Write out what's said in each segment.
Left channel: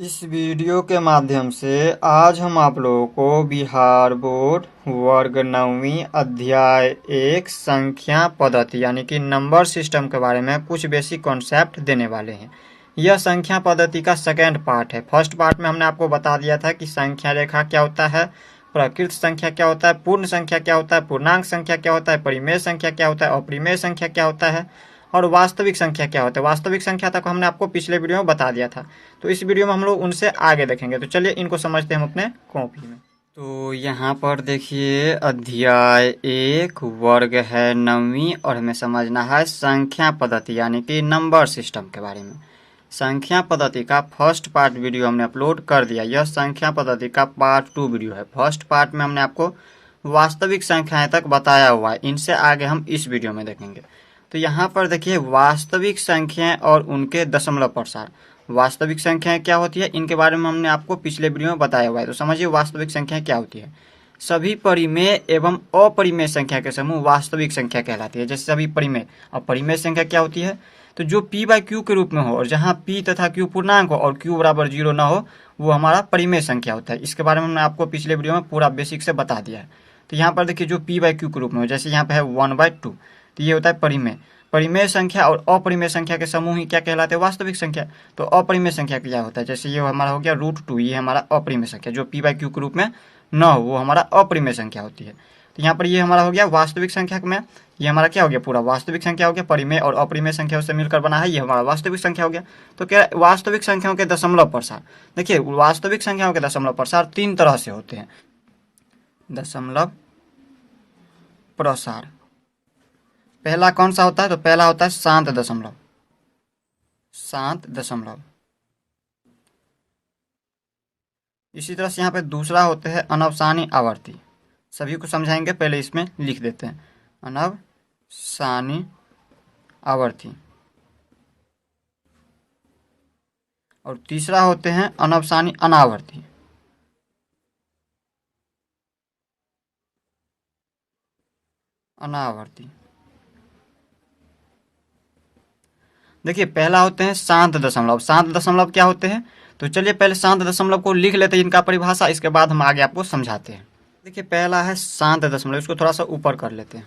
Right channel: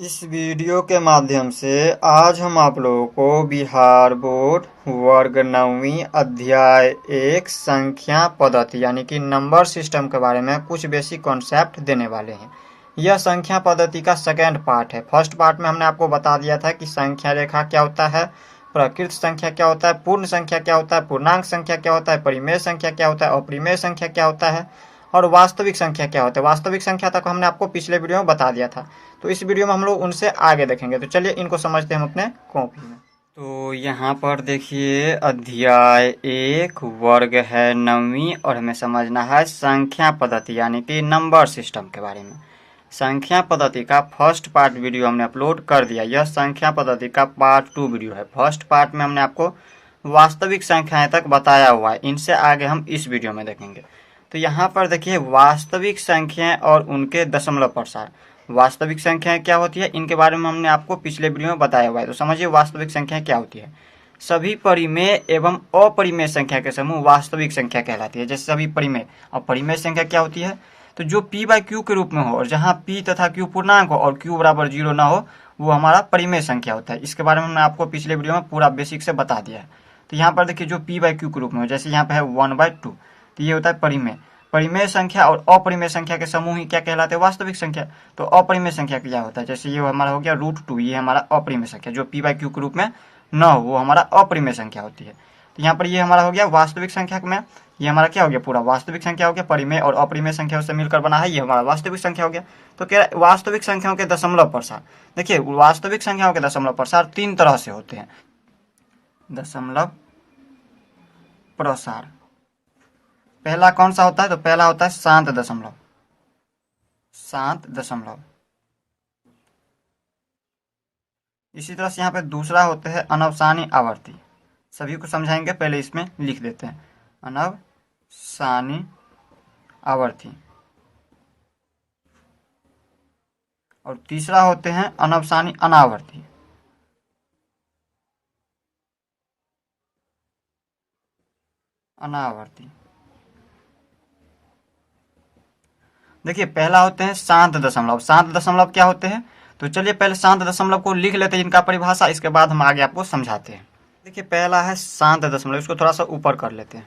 इस वीडियो के माध्यम से आज हम आप लोगों को बिहार बोर्ड वर्ग 9वीं अध्याय 1 संख्या पद्धति यानी कि नंबर सिस्टम के बारे में कुछ बेसिक कॉन्सेप्ट देने वाले हैं। यह संख्या पद्धति का सेकेंड पार्ट है। फर्स्ट पार्ट में हमने आपको बता दिया था कि संख्या रेखा क्या होता है, प्रकृत संख्या क्या होता है, पूर्ण संख्या क्या होता है, पूर्णांक संख्या क्या होता है, परिमेय संख्या क्या होता है, अपरिमेय संख्या क्या होता है और वास्तविक संख्या क्या होता है। वास्तविक संख्या तक हमने आपको पिछले वीडियो में बता दिया था, तो इस वीडियो में हम लोग उनसे आगे देखेंगे। तो चलिए इनको समझते हैं हम अपने कॉपी में। तो यहाँ पर देखिए अध्याय 1 वर्ग है 9वीं और हमें समझना है संख्या पद्धति यानी कि नंबर सिस्टम के बारे में। संख्या पद्धति का फर्स्ट पार्ट वीडियो हमने अपलोड कर दिया। यह संख्या पद्धति का पार्ट 2 वीडियो है। फर्स्ट पार्ट में हमने आपको वास्तविक संख्याएं तक बताया हुआ है, इनसे आगे हम इस वीडियो में देखेंगे। तो यहाँ पर देखिए वास्तविक संख्याएं और उनके दशमलव प्रसार। वास्तविक संख्याएं क्या होती है इनके बारे में हमने आपको पिछले वीडियो में बताया हुआ है। तो समझिए वास्तविक संख्या क्या होती है। सभी परिमेय एवं अपरिमेय संख्या के समूह वास्तविक संख्या कहलाती है। जैसे सभी परिमेय, अब परिमेय संख्या क्या होती है, तो जो p बाई क्यू के रूप में हो और जहाँ p तथा q पूर्णांक हो और q बराबर 0 ना हो, वो हमारा परिमेय संख्या होता है। इसके बारे में हमने आपको पिछले वीडियो में पूरा बेसिक से बता दिया है। तो यहाँ पर देखिए जो p बाई क्यू के रूप में हो, जैसे यहाँ पे है 1/2, तो ये होता है परिमेय। परिमेय संख्या और अपरिमेय संख्या के समूह ही क्या कहलाते हैं, वास्तविक संख्या। तो अपरिमेय संख्या क्या होता है, जैसे ये हमारा हो गया √2, ये हमारा अपरिमेय संख्या जो p बाई क्यू के रूप में न हो, वो हमारा अपरिमेय संख्या होती है। तो यहाँ पर ये हमारा हो गया वास्तविक संख्या में, ये हमारा क्या हो गया, पूरा वास्तविक संख्या हो गया। परिमेय और अपरिमेय संख्या उससे मिलकर बना है, ये हमारा वास्तविक संख्या हो गया। तो क्या वास्तविक संख्याओं के दशमलव प्रसार, देखिए वास्तविक संख्याओं के दशमलव प्रसार 3 तरह से होते हैं। दशमलव प्रसार पहला कौन सा होता है, तो पहला होता है शांत दशमलव। शांत दशमलव। इसी तरह से यहाँ पे दूसरा होते हैं अनवसानी आवर्ती। सभी को समझाएंगे, पहले इसमें लिख देते हैं अनवसानी आवर्ती। और तीसरा होते हैं अनवसानी अनावर्ती। अनावर्ती। देखिए पहला होते हैं शांत दशमलव। शांत दशमलव क्या होते हैं, तो चलिए पहले शांत दशमलव को लिख लेते हैं, इनका परिभाषा, इसके बाद हम आगे आपको समझाते हैं। देखिए पहला है शांत दशमलव, इसको थोड़ा सा ऊपर कर लेते हैं।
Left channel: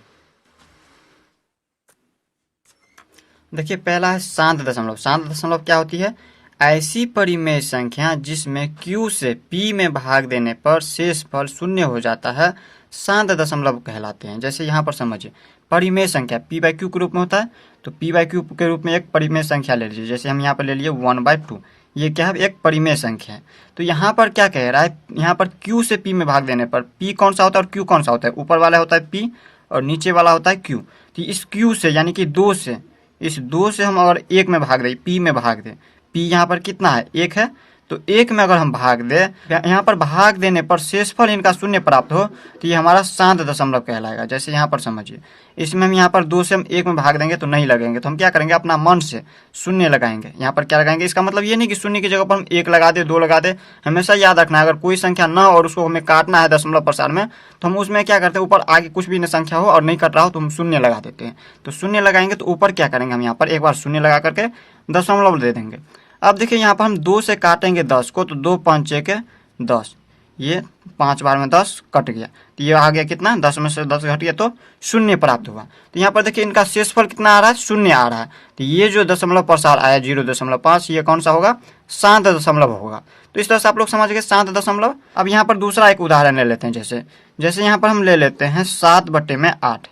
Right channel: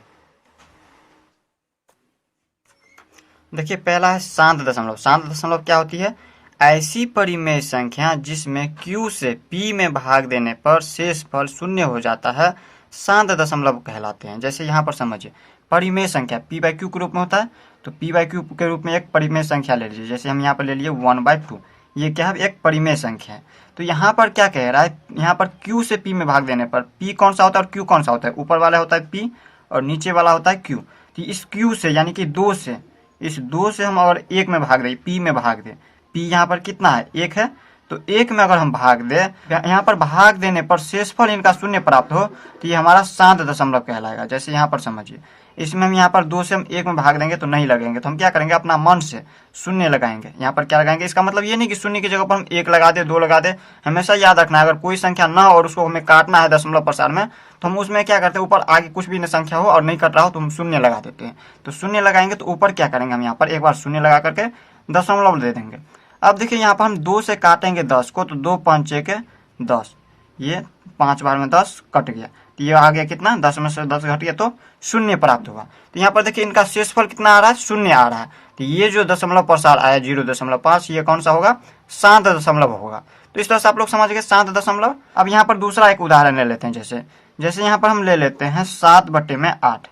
देखिए पहला है शांत दशमलव। शांत दशमलव क्या होती है, ऐसी परिमेय संख्या जिसमें q से p में भाग देने पर शेषफल शून्य हो जाता है, शांत दशमलव कहलाते हैं। जैसे यहाँ पर समझिए परिमेय संख्या p बाई क्यू के रूप में होता है, तो p बाई क्यू के रूप में एक परिमेय संख्या ले लीजिए। जैसे हम यहाँ पर ले लिए 1/2, ये क्या है, एक परिमेय संख्या है। तो यहाँ पर क्या कह रहा है, यहाँ पर q से p में भाग देने पर p कौन सा होता है और q कौन सा होता है, ऊपर वाला होता है p और नीचे वाला होता है q। तो इस q से यानी कि 2 से, इस 2 से हम अगर 1 में भाग दें, p में भाग दें, p यहाँ पर कितना है, 1 है, तो 1 में अगर हम भाग दें, यहाँ पर भाग देने पर शेषफल इनका शून्य प्राप्त हो, तो ये हमारा शांत दशमलव कहलाएगा। जैसे यहाँ पर समझिए, इसमें हम यहाँ पर 2 से हम 1 में भाग देंगे तो नहीं लगेंगे, तो हम क्या करेंगे, अपना मन से शून्य लगाएंगे। यहाँ पर क्या लगाएंगे, इसका मतलब ये नहीं कि शून्य की जगह पर हम 1 लगा दे, 2 लगा दे। हमेशा याद रखना है, अगर कोई संख्या न और उसको हमें काटना है दशमलव प्रसार में, तो हम उसमें क्या करते हैं, ऊपर आगे कुछ भी संख्या हो और नहीं कट रहा हो तो हम शून्य लगा देते हैं। तो शून्य लगाएंगे तो ऊपर क्या करेंगे, हम यहाँ पर एक बार शून्य लगा करके दशमलव दे देंगे। अब देखिए यहाँ पर हम 2 से काटेंगे 10 को, तो 2 5 6 के 10, ये 5 बार में 10 कट गया, तो ये आ गया कितना, 10 में से 10 घट गया तो शून्य प्राप्त हुआ। तो यहाँ पर देखिए इनका शेषफल कितना आ रहा है, शून्य आ रहा है। तो ये जो दशमलव प्रसार आया 0.5, ये कौन सा होगा, शांत दशमलव होगा। तो इस तरह से आप लोग समझ गए शांत दशमलव। अब यहाँ पर दूसरा एक उदाहरण ले लेते हैं। जैसे यहाँ पर हम ले लेते हैं 7/8।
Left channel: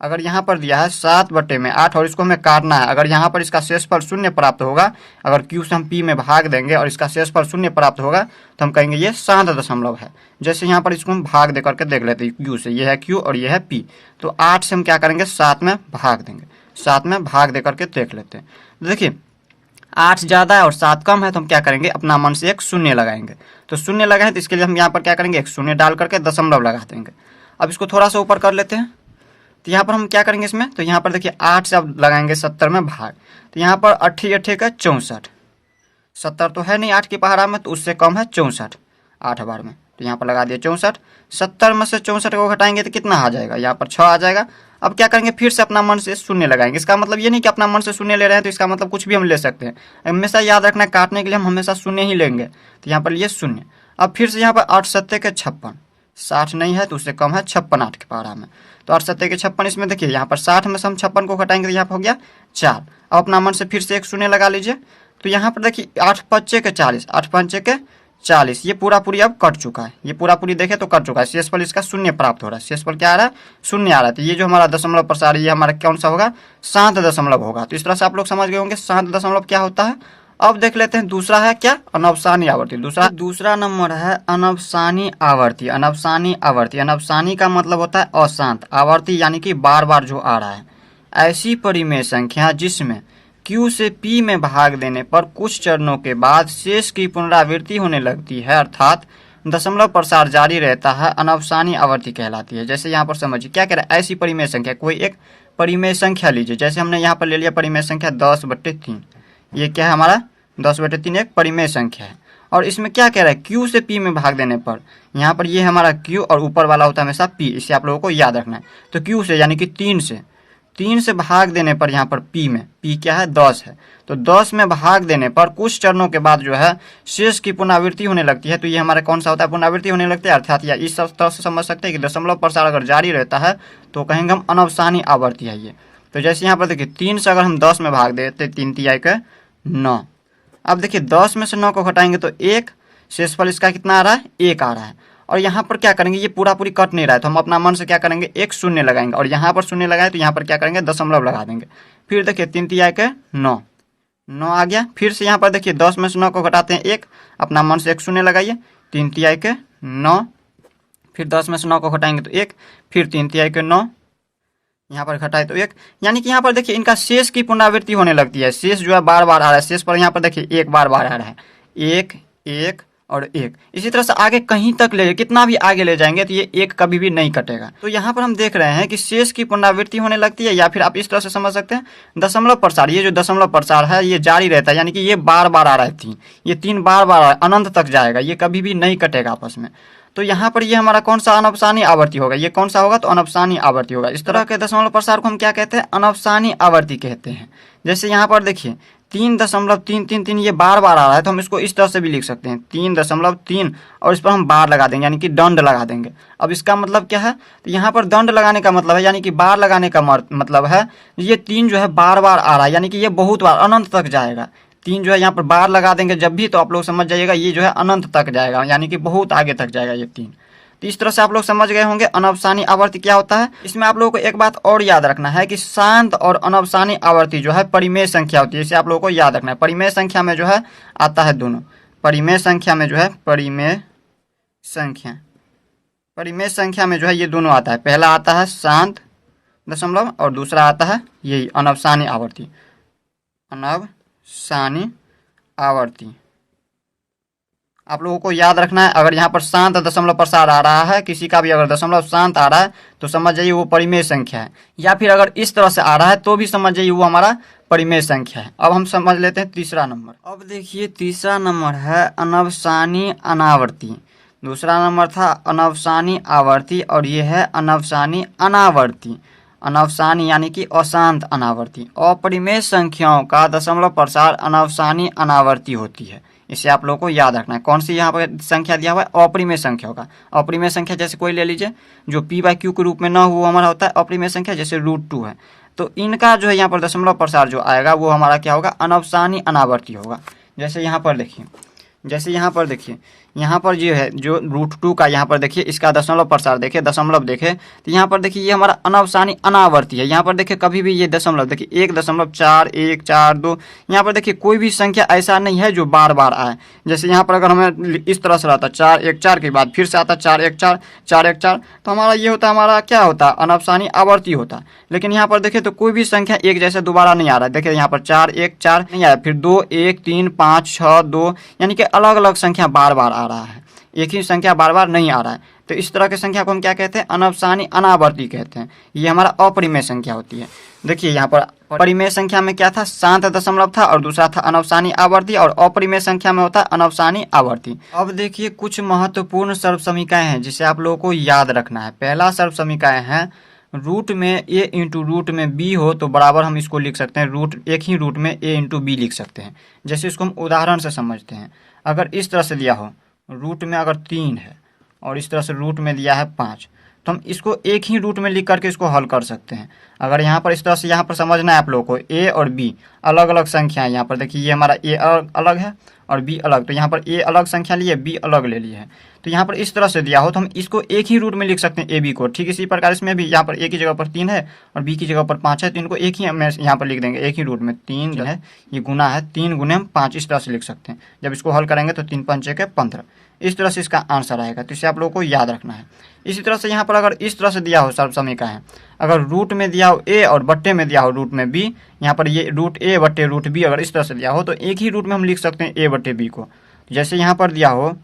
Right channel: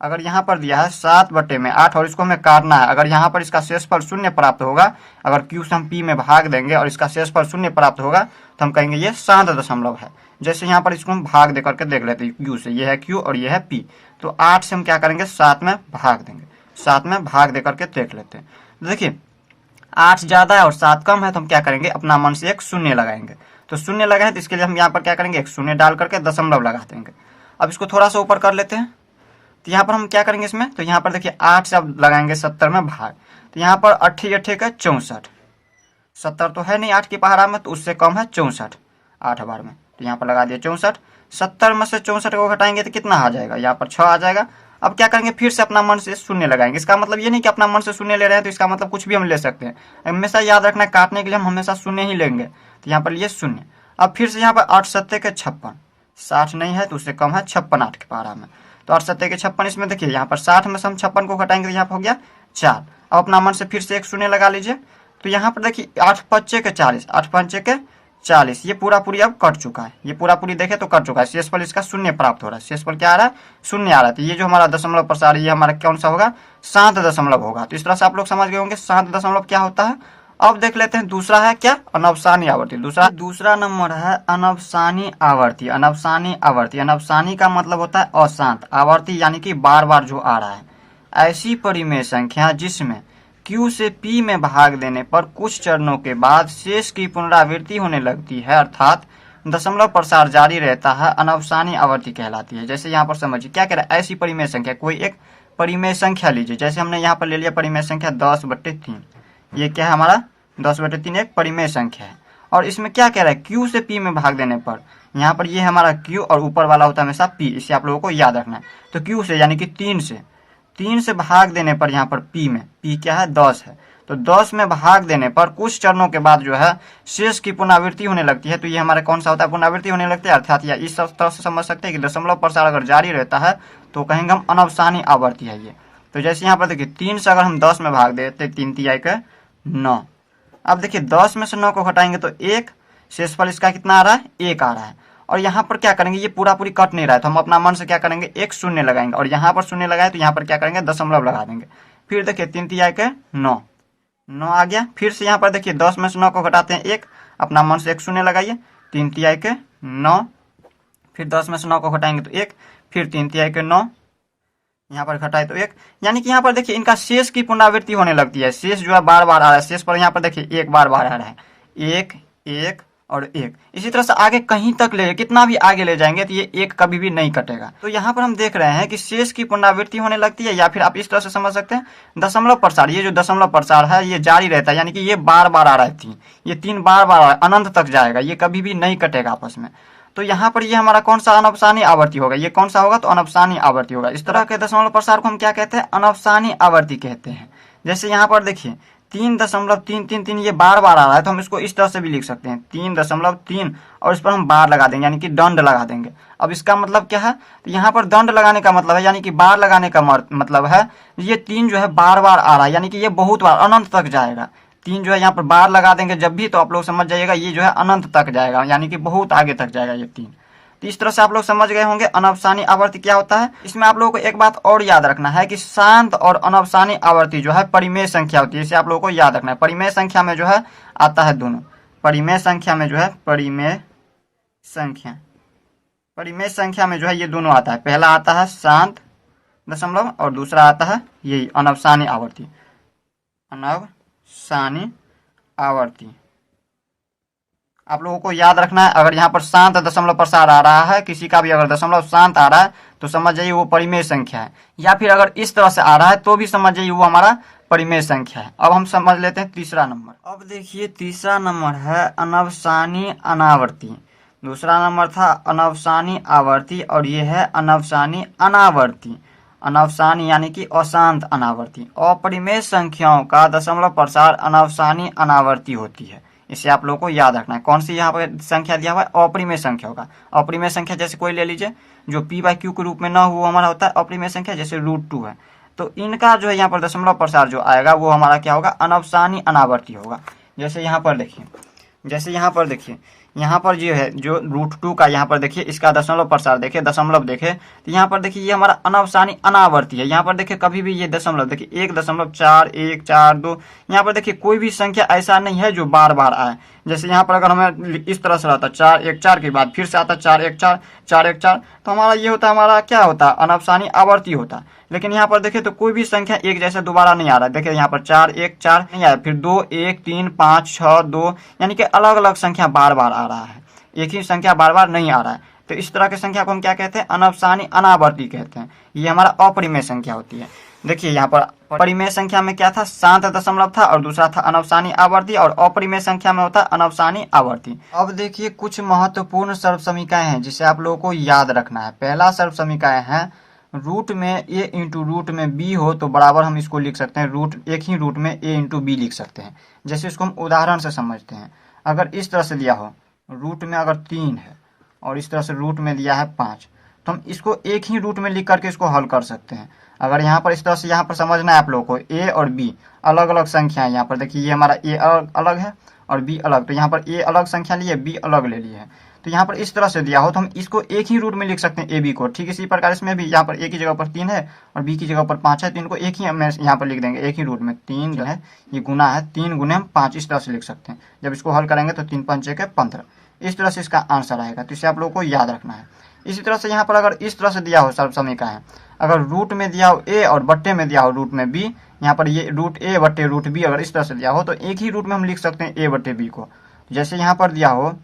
अगर यहाँ पर दिया है 7/8 और इसको हमें काटना है, अगर यहाँ पर इसका शेषफल शून्य प्राप्त होगा, अगर q से हम p में भाग देंगे और इसका शेषफल शून्य प्राप्त होगा, तो हम कहेंगे ये शांत दशमलव है। जैसे यहाँ पर इसको हम भाग दे करके देख लेते हैं, q से, ये है q और ये है p, तो 8 से हम क्या करेंगे, 7 में भाग देंगे। 7 में भाग दे करके देख लेते हैं। देखिए 8 ज्यादा है और 7 कम है, तो हम क्या करेंगे, अपना मन से एक शून्य लगाएंगे। तो शून्य लगाए तो इसके लिए हम यहाँ पर क्या करेंगे, एक शून्य डाल करके दशमलव लगा देंगे। अब इसको थोड़ा सा ऊपर कर लेते हैं। तो यहाँ पर हम क्या करेंगे इसमें, तो यहाँ पर देखिए 8 से अब लगाएंगे 70 में भाग, तो यहाँ पर 8 का 64, 70 तो है नहीं 8 की पहाड़ा में, तो उससे कम है 64 8 बार में, तो यहाँ पर लगा दिया 64। 70 में से 64 को घटाएंगे तो कितना आ जाएगा, यहाँ पर 6 आ जाएगा। अब क्या करेंगे, फिर से अपना मन से शून्य लगाएंगे। इसका मतलब ये नहीं कि अपना मन से शून्य ले रहे हैं तो इसका मतलब कुछ भी हम ले सकते हैं। हमेशा याद रखना है, काटने के लिए हम हमेशा शून्य ही लेंगे। तो यहाँ पर लिए शून्य। अब फिर से यहाँ पर 8 सत्ते के 56, 60 नहीं है तो उससे कम है 56 8 के पारा में। तो 8 सत्ते के 56, इसमें देखिए यहाँ पर 60 में से हम 56 को घटाएंगे तो यहाँ पर हो गया 4। अब अपना मन से फिर से एक शून्य लगा लीजिए। तो यहाँ पर देखिए 8 पच्चे के 40, 8 पंचे के 40, ये पूरा पूरी अब कट चुका है। ये पूरा पूरी देखे तो कट चुका है। शेषफल इसका शून्य प्राप्त हो रहा है। शेषफल क्या आ रहा है, शून्य आ रहा है। तो ये जो हमारा दशमलव प्रसार, ये हमारा कौन सा होगा, शांत दशमलव होगा। तो इस तरह से आप लोग समझ गए होंगे शांत दशमलव क्या होता है। अब देख लेते हैं दूसरा है क्या, अनवसानी आवर्ती। दूसरा नंबर है अनवसानी आवर्ती। अनवसानी आवर्ती, अनवसानी का मतलब होता है अशांत, आवर्ती यानी कि बार बार जो आ रहा है। ऐसी परिमेय संख्या जिसमें Q से P में भाग देने पर कुछ चरणों के बाद शेष की पुनरावृत्ति होने लगती है, अर्थात दशमलव प्रसार जारी रहता है, अनवसानी आवर्ती कहलाती है। जैसे यहाँ पर समझिए क्या कह रहा है, ऐसी परिमेय संख्या, कोई एक परिमेय संख्या लीजिए। जैसे हमने यहाँ पर ले लिया परिमेय संख्या 10/3। ये क्या है हमारा 10/3 एक परिमेय संख्या है। और इसमें क्या कह रहा है, Q से P में भाग देने पर, यहाँ पर ये हमारा Q और ऊपर वाला होता है हमेशा P, इसे आप लोगों को याद रखना है। तो Q से यानी कि 3 से भाग देने पर यहाँ पर P में, P क्या है 10 है, तो 10 में भाग देने पर कुछ चरणों के बाद जो है शेष की पुनरावृत्ति होने लगती है। तो ये हमारा कौन सा होता है, पुनरावृत्ति होने लगती है। अर्थात या इस तरह से समझ सकते हैं कि दशमलव प्रसार अगर जारी रहता है तो कहेंगे हम अनवसानी आवर्ती है ये। तो जैसे यहाँ पर देखिए 3 से अगर हम 10 में भाग देते, 3 तिहाई के 9। अब देखिए 10 में से 9 को घटाएंगे तो 1, शेषफल इसका कितना आ रहा है, 1 आ रहा है। और यहाँ पर क्या करेंगे, ये पूरा पूरी कट नहीं रहा है तो हम अपना मन से क्या करेंगे, एक शून्य लगाएंगे। और यहाँ पर शून्य लगाए तो यहाँ पर क्या करेंगे, दशमलव लगा देंगे। फिर देखिए 3 तिहाई के 9, 9 आ गया। फिर से यहाँ पर देखिए 10 में से 9 को घटाते हैं 1, अपना मन से एक शून्य लगाइए, 3 तिहाई के 9। फिर 10 में से 9 को घटाएंगे तो 1, फिर 3 तिहाई के 9, यहाँ पर घटाए तो 1। यानी कि यहाँ पर देखिए इनका शेष की पुनरावृत्ति होने लगती है। शेष जो है बार बार आ रहा है। शेष पर यहाँ पर देखिए 1 बार बार आ रहा है, 1 1 और 1। इसी तरह से आगे कहीं तक ले, कितना भी आगे ले जाएंगे तो ये 1 कभी भी नहीं कटेगा। तो यहाँ पर हम देख रहे हैं कि शेष की पुनरावृत्ति होने लगती है, या फिर आप इस तरह से समझ सकते हैं दशमलव प्रसार, ये जो दशमलव प्रसार है ये जारी रहता है। यानी कि ये बार बार आ रहा है 3, ये 3 बार बार आ रहा है, अनंत तक जाएगा, ये कभी भी नहीं कटेगा आपस में। तो यहाँ पर ये हमारा कौन सा अनवसानी आवर्ती होगा, ये कौन सा होगा, तो अनवसानी आवर्ती होगा। इस तरह के दशमलव प्रसार को हम क्या कहते हैं, अनवसानी आवर्ती कहते हैं। जैसे यहाँ पर देखिए 3.333 ये बार बार आ रहा है तो हम इसको इस तरह से भी लिख सकते हैं 3.3 और इस पर हम बार लगा देंगे, यानी कि दंड लगा देंगे। अब इसका मतलब क्या है, तो यहाँ पर दंड लगाने का मतलब है, यानी कि बार लगाने का मतलब है ये 3 जो है बार बार आ रहा है, यानी कि ये बहुत बार अनंत तक जाएगा। 3 जो है यहाँ पर बार लगा देंगे जब भी, तो आप लोग समझ जाइएगा ये जो है अनंत तक जाएगा, यानी कि बहुत आगे तक जाएगा ये 3। तो इस तरह से आप लोग समझ गए होंगे अनवसानी आवर्ती क्या होता है। इसमें आप लोगों को एक बात और याद रखना है कि शांत और अनवसानी आवर्ती जो है परिमेय संख्या होती है, इसे आप लोगों को याद रखना है। परिमेय संख्या में जो है आता है दोनों, परिमेय संख्या में जो है परिमेय संख्या में जो है ये दोनों आता है। पहला आता है शांत दशमलव और दूसरा आता है यही अनवसानी आवर्ती, अनवसानी आवर्ती। आप लोगों को याद रखना है, अगर यहाँ पर शांत दशमलव प्रसार आ रहा है, किसी का भी अगर दशमलव शांत आ रहा है तो समझ जाइए वो परिमेय संख्या है, या फिर अगर इस तरह से आ रहा है तो भी समझ जाइए वो हमारा परिमेय संख्या है। अब हम समझ लेते हैं तीसरा नंबर। अब देखिए तीसरा नंबर है अनवसानी अनावर्ती। दूसरा नंबर था अनवसानी आवर्ती और ये है अनवसानी अनावर्ती। अनवसानी यानी कि अशांत अनावर्ती। अपरिमेय संख्याओं का दशमलव प्रसार अनवसानी अनावर्ती होती है, इसे आप लोगों को याद रखना है। कौन सी यहाँ पर संख्या दिया हुआ है, अपरिमेय संख्या होगा। अपरिमेय संख्या जैसे कोई ले लीजिए जो p/q के रूप में न हो, हमारा होता है अपरिमेय संख्या, जैसे √2 है। तो इनका जो है यहाँ पर दशमलव प्रसार जो आएगा वो हमारा क्या होगा, अनवसानी अनावर्ती होगा। जैसे यहाँ पर देखिए यहाँ पर जो है जो √2 का यहाँ पर देखिए इसका दशमलव प्रसार देखिए, दशमलव देखे तो यहाँ पर देखिए ये हमारा अनवसानी अनावर्ती है। यहाँ पर देखिए कभी भी ये दशमलव देखिए 1.4142, यहाँ पर देखिए कोई भी संख्या ऐसा नहीं है जो बार बार आए। जैसे यहाँ पर अगर हमें इस तरह से रहता 414 के बाद फिर से आता 414 तो हमारा ये होता, हमारा क्या होता, अनवसानी आवर्ती होता। लेकिन यहाँ पर देखिए तो कोई भी संख्या एक जैसे दोबारा नहीं आ रहा है। देखिए यहाँ पर 414 नहीं आया, फिर 2 1 3 5 6 2, यानी कि अलग अलग संख्या बार बार आ रहा है, एक ही संख्या बार बार नहीं आ रहा है। तो इस तरह की संख्या को हम क्या कहते हैं? अनवसानी अनावर्ती कहते हैं। ये हमारा अपरिमेय संख्या होती है। देखिए यहाँ पर परिमेय संख्या में क्या था? शांत दशमलव था, और दूसरा था अनवसानी आवर्ती, और अपरिमेय संख्या में होता है अनवसानी आवर्ती। अब देखिए कुछ महत्वपूर्ण सर्वसमीकाएं हैं जिसे आप लोगों को याद रखना है। पहला सर्वसमीकाएं है रूट में a इंटू रूट में b हो तो बराबर हम इसको लिख सकते हैं रूट एक ही रूट में a इंटू बी लिख सकते हैं। जैसे इसको हम उदाहरण से समझते हैं। अगर इस तरह से दिया हो रूट में अगर 3 है और इस तरह से रूट में दिया है 5, तो हम इसको एक ही रूट में लिख करके इसको हल कर सकते हैं। अगर यहाँ पर इस तरह से यहाँ पर समझना है आप लोगों को, a और b अलग अलग संख्या है। यहाँ पर देखिए ये हमारा a अलग है और b अलग, तो यहाँ पर a अलग संख्या लिए, b अलग ले लिए है। तो यहाँ पर इस तरह से दिया हो तो हम इसको एक ही रूट में लिख सकते हैं a b को। ठीक इसी प्रकार इसमें भी यहाँ पर a की जगह पर 3 है और b की जगह पर 5 है, तो इनको एक ही हम यहाँ पर लिख देंगे, एक ही रूट में 3 जो है ये गुना है, 3 गुने हम 5 इस तरह से लिख सकते हैं। जब इसको हल करेंगे तो 3 5 6 15 इस तरह से इसका आंसर आएगा। तो इसे आप लोगों को याद रखना है। इसी तरह से यहाँ पर अगर इस तरह से दिया हो सर्वसमीका है, अगर रूट में दिया हो a और बट्टे में दिया हो रूट में b, यहाँ पर ये रूट a बट्टे रूट b अगर इस तरह से दिया हो तो एक ही रूट में हम लिख सकते हैं a बट्टे b को। जैसे यहाँ पर दिया हो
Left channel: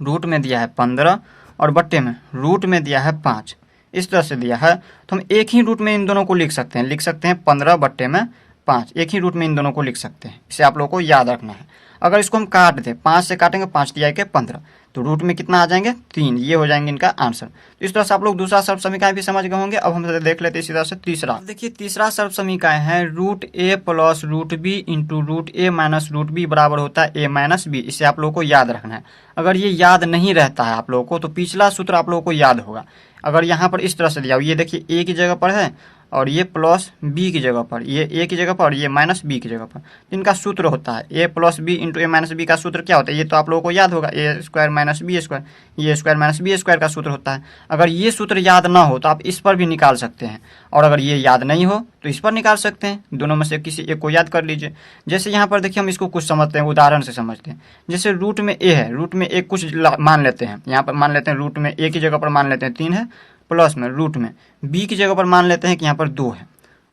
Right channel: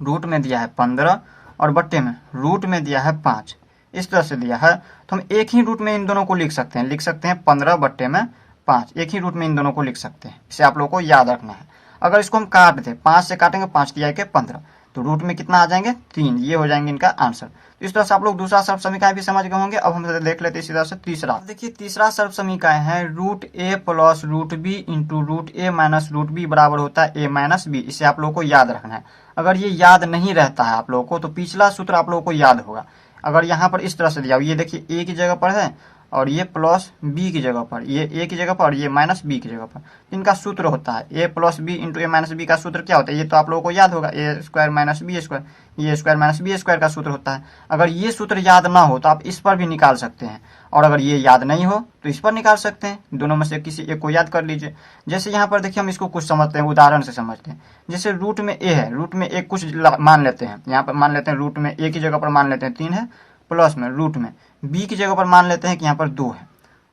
रूट में दिया है 15 और बट्टे में रूट में दिया है 5, इस तरह से दिया है तो हम एक ही रूट में इन दोनों को लिख सकते हैं 15 बट्टे में 5, एक ही रूट में इन दोनों को लिख सकते हैं। इसे आप लोगों को याद रखना है। अगर इसको हम काट दें, 5 से काटेंगे 5 दिया के 15, तो रूट में कितना आ जाएंगे? 3। ये हो जाएंगे इनका आंसर। तो इस तरह से आप लोग दूसरा सर्वसमीकाएं भी समझ गए होंगे। अब हम देख लेते हैं इसी तरह से तीसरा। देखिए तीसरा सर्वसमीकाएं है root a plus root B into root a minus root b बराबर होता है a माइनस बी। इसे आप लोगों को याद रखना है। अगर ये याद नहीं रहता है आप लोगों को तो पिछला सूत्र आप लोगों को याद होगा। अगर यहाँ पर इस तरह से दिया हो, ये देखिए a की जगह पर है और ये प्लस बी की जगह पर, ये a की जगह पर और ये माइनस बी की जगह पर, इनका सूत्र होता है a plus b into a minus b का सूत्र क्या होता है? ये तो आप लोगों को याद होगा, ए स्क्वायर माइनस बी स्क्वायर, ये स्क्वायर माइनस बी स्क्वायर का सूत्र होता है। अगर ये सूत्र याद ना हो तो आप इस पर भी निकाल सकते हैं, और अगर ये याद नहीं हो तो इस पर निकाल सकते हैं। दोनों में से किसी एक को याद कर लीजिए। जैसे यहाँ पर देखिए हम इसको कुछ समझते हैं, उदाहरण से समझते हैं। जैसे रूट में a है, रूट में एक कुछ मान लेते हैं, यहाँ पर मान लेते हैं रूट में a की जगह पर मान लेते हैं 3 है, प्लस में रूट में b की जगह पर मान लेते हैं कि यहाँ पर 2 है,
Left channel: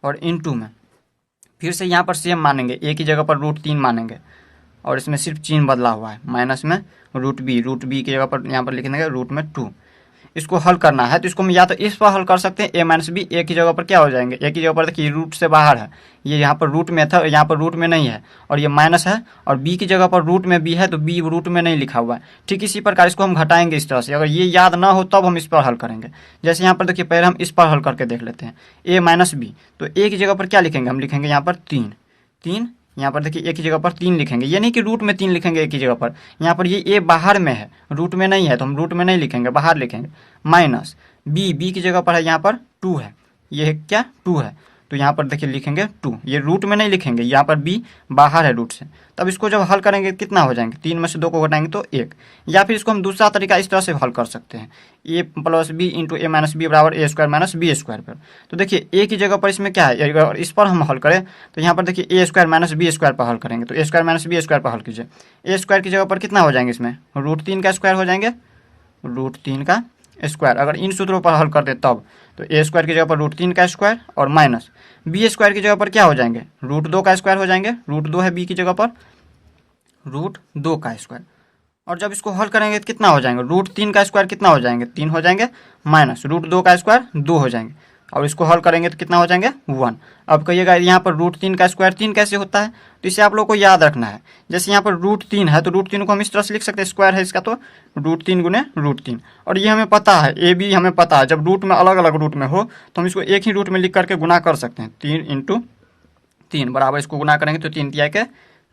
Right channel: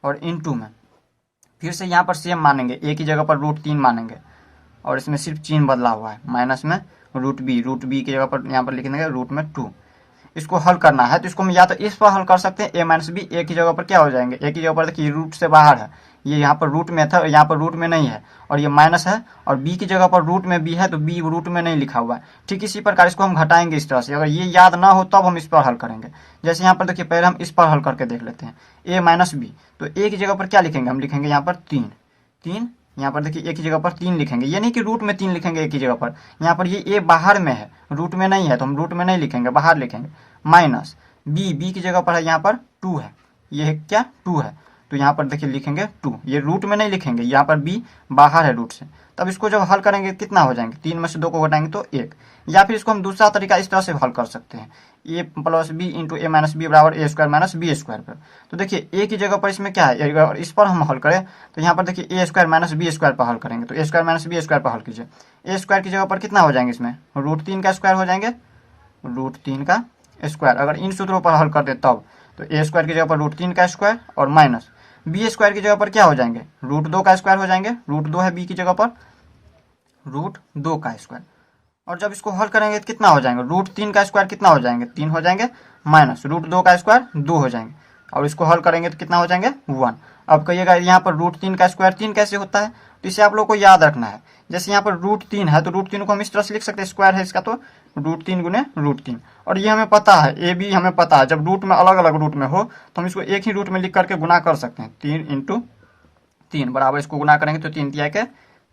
और इनटू में फिर से यहाँ पर सेम मानेंगे, a की जगह पर रूट 3 मानेंगे और इसमें सिर्फ चिन्ह बदला हुआ है, माइनस में रूट बी की जगह पर यहाँ पर लिख देंगे रूट में 2। इसको हल करना है तो इसको हम या तो इस पर हल कर सकते हैं, a माइनस बी, a की जगह पर क्या हो जाएंगे? a की जगह पर देखिए रूट से बाहर है, ये यहाँ पर रूट में था, यहाँ पर रूट में नहीं है, और ये माइनस है, और b की जगह पर रूट में b है तो b रूट में नहीं लिखा हुआ है। ठीक इसी प्रकार इसको हम घटाएंगे इस तरह से। अगर ये याद ना हो तब हम इस पर हल करेंगे। जैसे यहाँ पर देखिए पहले हम इस पर हल करके देख लेते हैं, a माइनस बी, तो a की जगह पर क्या लिखेंगे? हम लिखेंगे यहाँ पर 3, यहाँ पर देखिए a की जगह पर 3 लिखेंगे, ये नहीं कि रूट में 3 लिखेंगे a की जगह पर। यहाँ पर ये a बाहर में है, रूट में नहीं है, तो हम रूट में नहीं लिखेंगे, बाहर लिखेंगे। माइनस b की जगह पर है यहाँ पर 2 है, ये है क्या? 2 है, तो यहाँ पर देखिए लिखेंगे 2, ये रूट में नहीं लिखेंगे, यहाँ पर b बाहर है रूट से। तब इसको जब हल करेंगे कितना हो जाएंगे? 3 में से 2 को घटाएंगे तो 1। या फिर इसको हम दूसरा तरीका इस तरह से हल कर सकते हैं, a plus b into a minus b बराबर a square minus b square पर। तो देखिए a की जगह पर इसमें क्या है, अगर इस पर हम हल करें तो यहाँ पर देखिए ए स्क्वायर माइनस बी स्क्वायर पर हल करेंगे, तो ए स्क्वायर माइनस बी स्क्वायर पर हल कीजिए। ए स्क्वायर की जगह पर कितना हो जाएंगे? इसमें रूट 3 का स्क्वायर हो जाएंगे, रूट 3 का स्क्वायर। अगर इन सूत्रों पर हल करते तब तो ए स्क्वायर की जगह पर रूट 3 का स्क्वायर और माइनस बी स्क्वायर की जगह पर क्या हो जाएंगे? रूट 2 का स्क्वायर हो जाएंगे, रूट 2 है बी की जगह पर, रूट 2 का स्क्वायर। और जब इसको हल करेंगे तो कितना हो जाएंगे? रूट 3 का स्क्वायर कितना हो जाएंगे? 3 हो जाएंगे, माइनस रूट 2 का स्क्वायर 2 हो जाएंगे, और इसको हल करेंगे तो कितना हो जाएंगे? 1। अब कहिएगा यहाँ पर रूट 3 का स्क्वायर 3 कैसे होता है? तो इसे आप लोग को याद रखना है। जैसे यहाँ पर रूट 3 है तो रूट 3 को हम इस तरह से लिख सकते हैं, स्क्वायर है इसका, तो रूट 3 गुने रूट 3। और ये हमें पता है, ए बी हमें पता है, जब रूट में अलग अलग रूट में हो तो हम इसको एक ही रूट में लिख करके गुना कर सकते हैं। 3 इंटू 3 बराबर, इसको गुना करेंगे तो 3 तिया के